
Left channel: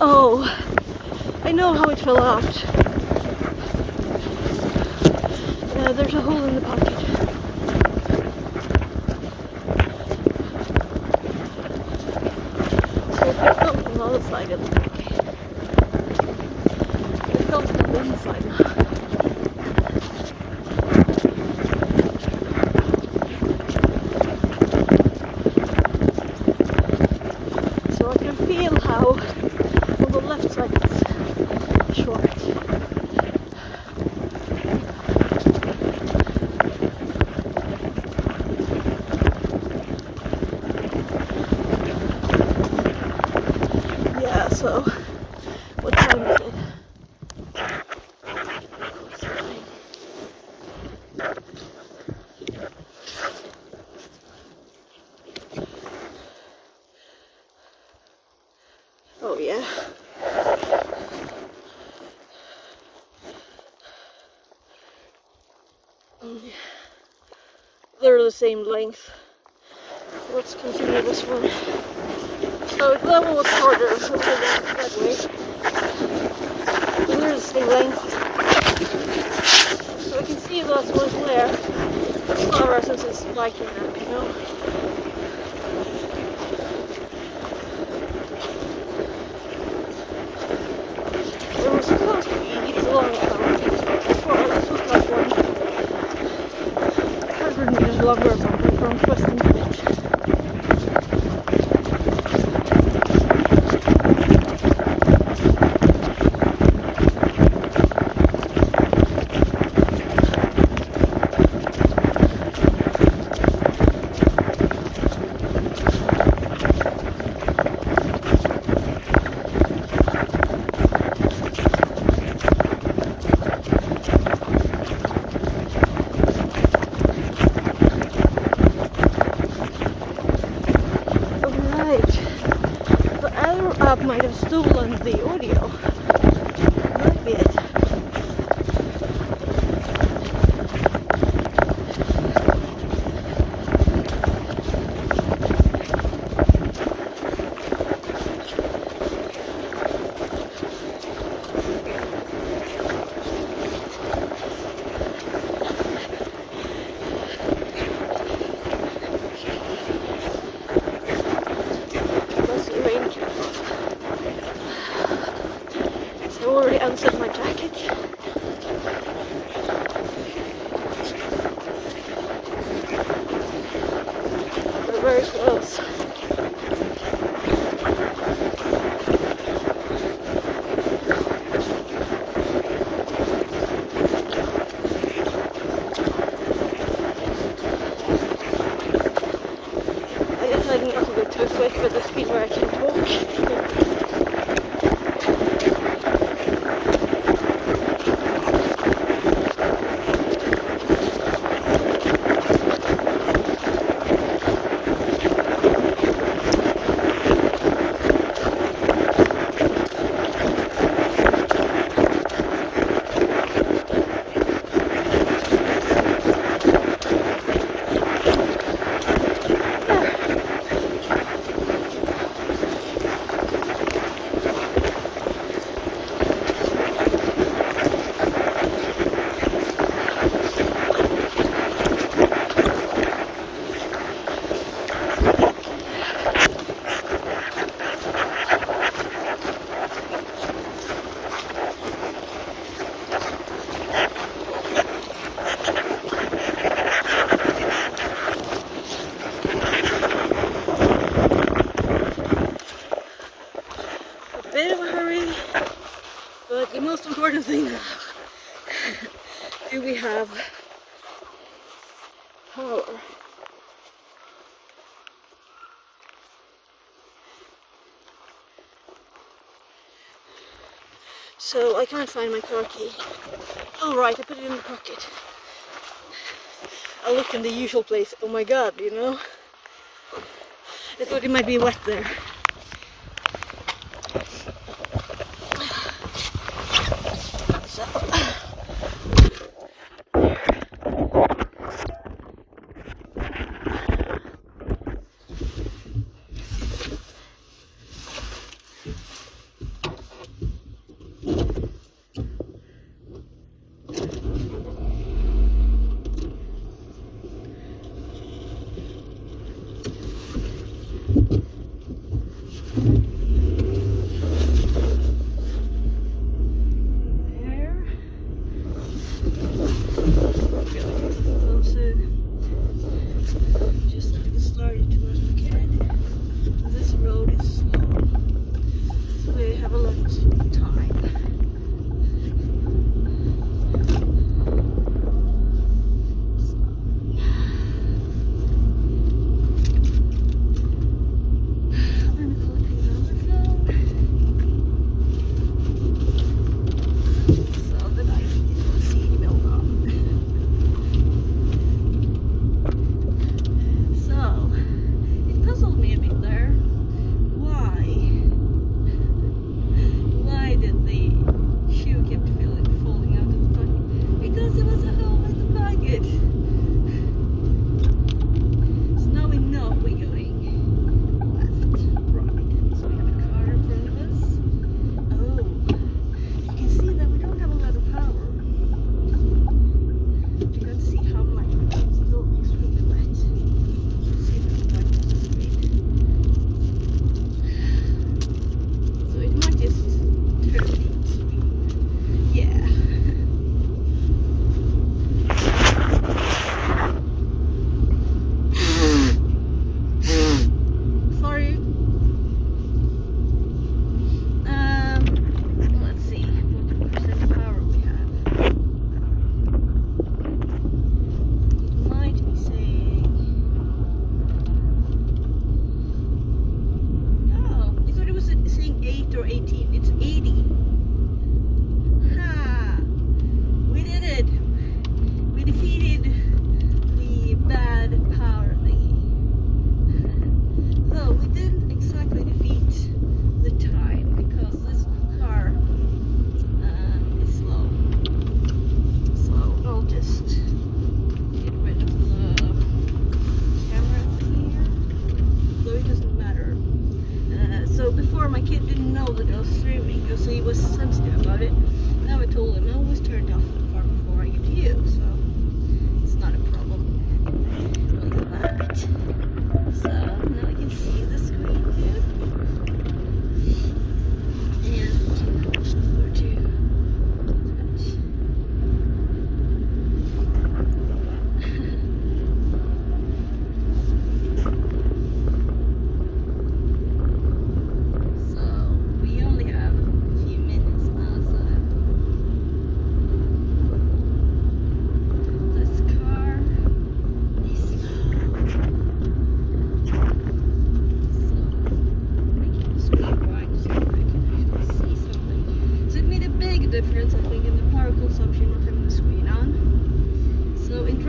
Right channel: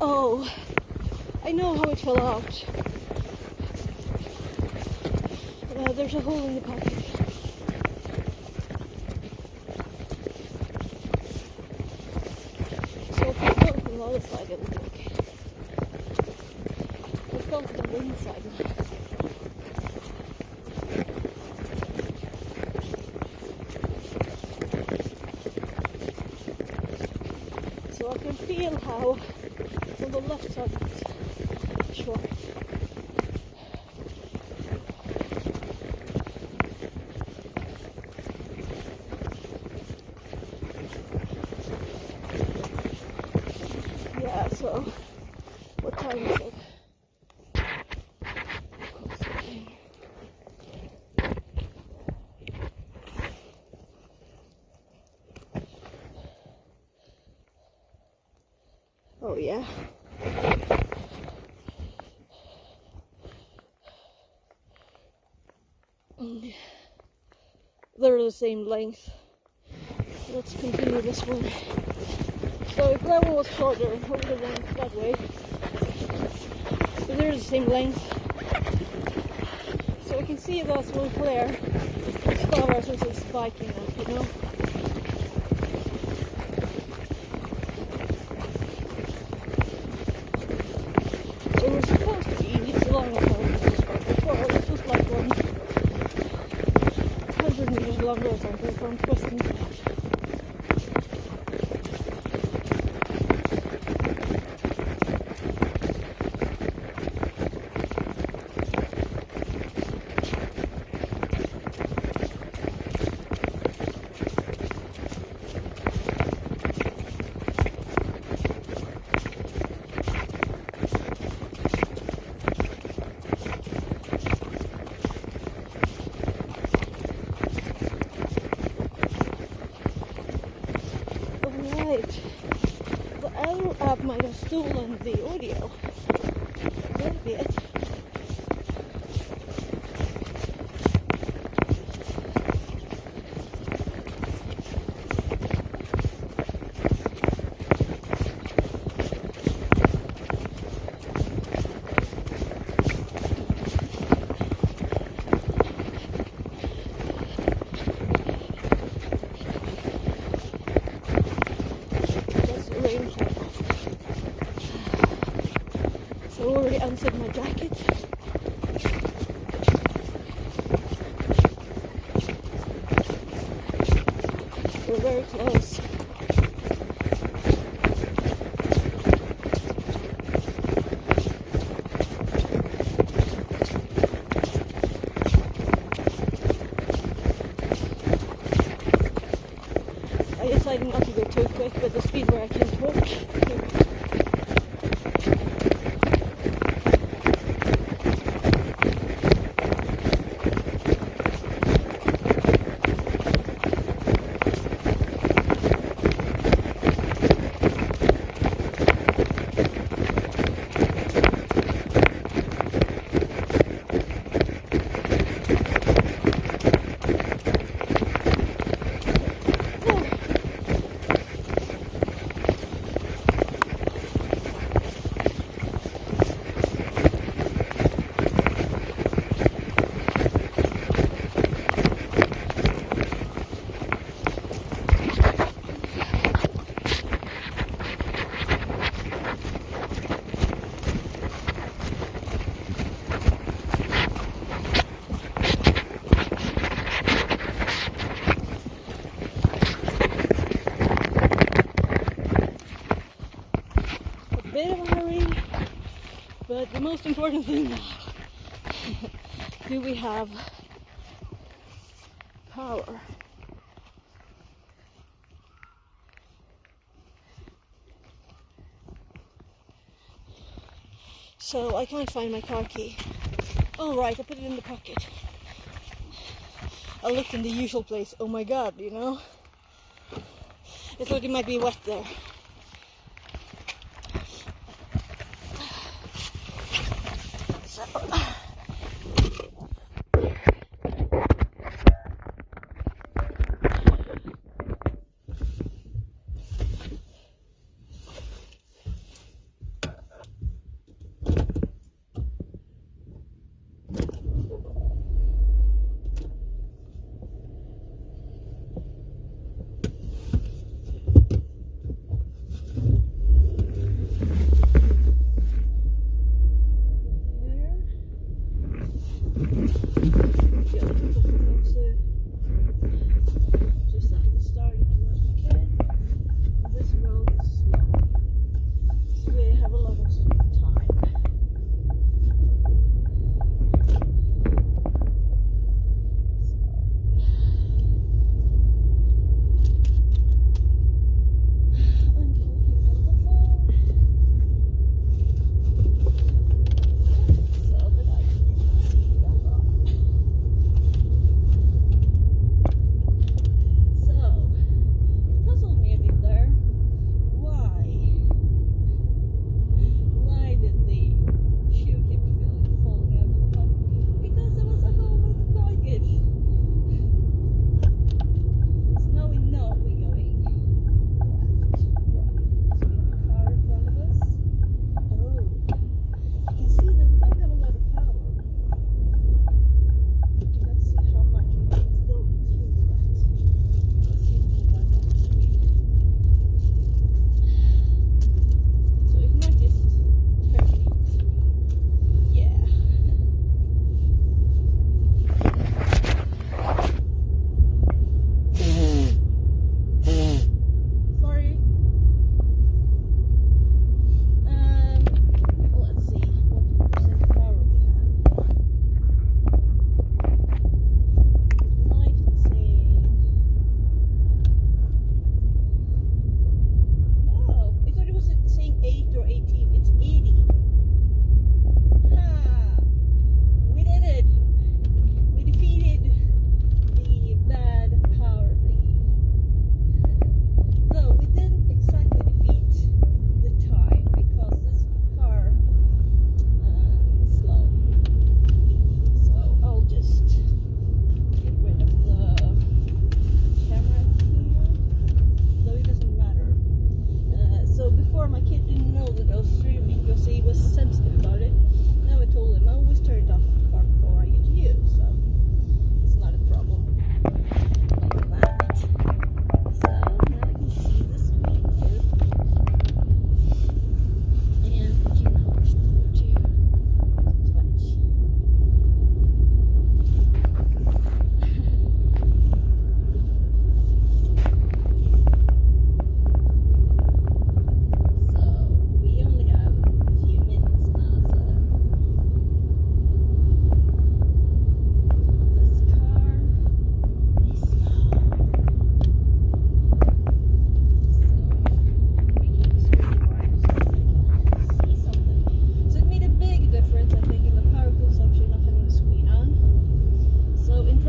Oh, I know how it fell out. There's a hole in the pocket. So if it comes from the other side, it'll be okay. It comes from the inside now. So I can feel how on the left side it's short. Yeah, so what time is it? Oh yeah. They're the same length. Let's continue this one. So if that one was shorter, it would have gone that way. But they're the same length. So I can see that one's there. It's slower since it's spiking up, you know. It was supposed to be a long time before. This was like 100 meters longer or something from Western Village. App might have stolen the audio. Might be it. That's the rain cap. I already unzipped my jacket. very close. I decided not to go too quick, but the speed where I can talk. Bit of a hurry, but the most important thing now, do we have power? So I can't find my car key. Oh right, I put it in the pocket. I looked in the usual place. Oh my god, you know? I thought it might be wet there.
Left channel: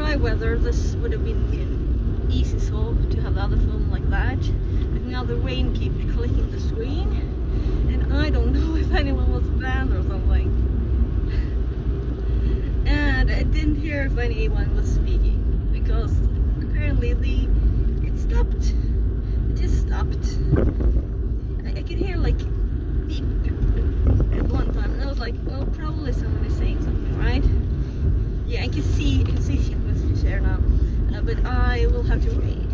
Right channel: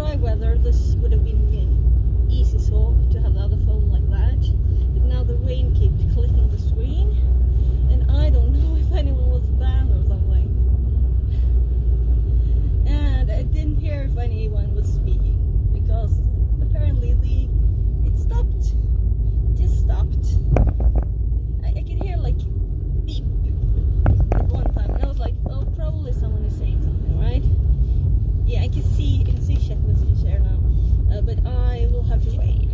dry weather, this would have been an easy solve to have the other phone like that. But now the rain keeps clicking the screen, and I don't know if anyone was banned or something. And I didn't hear if anyone was speaking, because apparently it stopped. It just stopped. I could hear like beep at one time, and I was like, oh, probably someone is saying something, right? Yeah, I can see chat messages here now, but I will have to wait.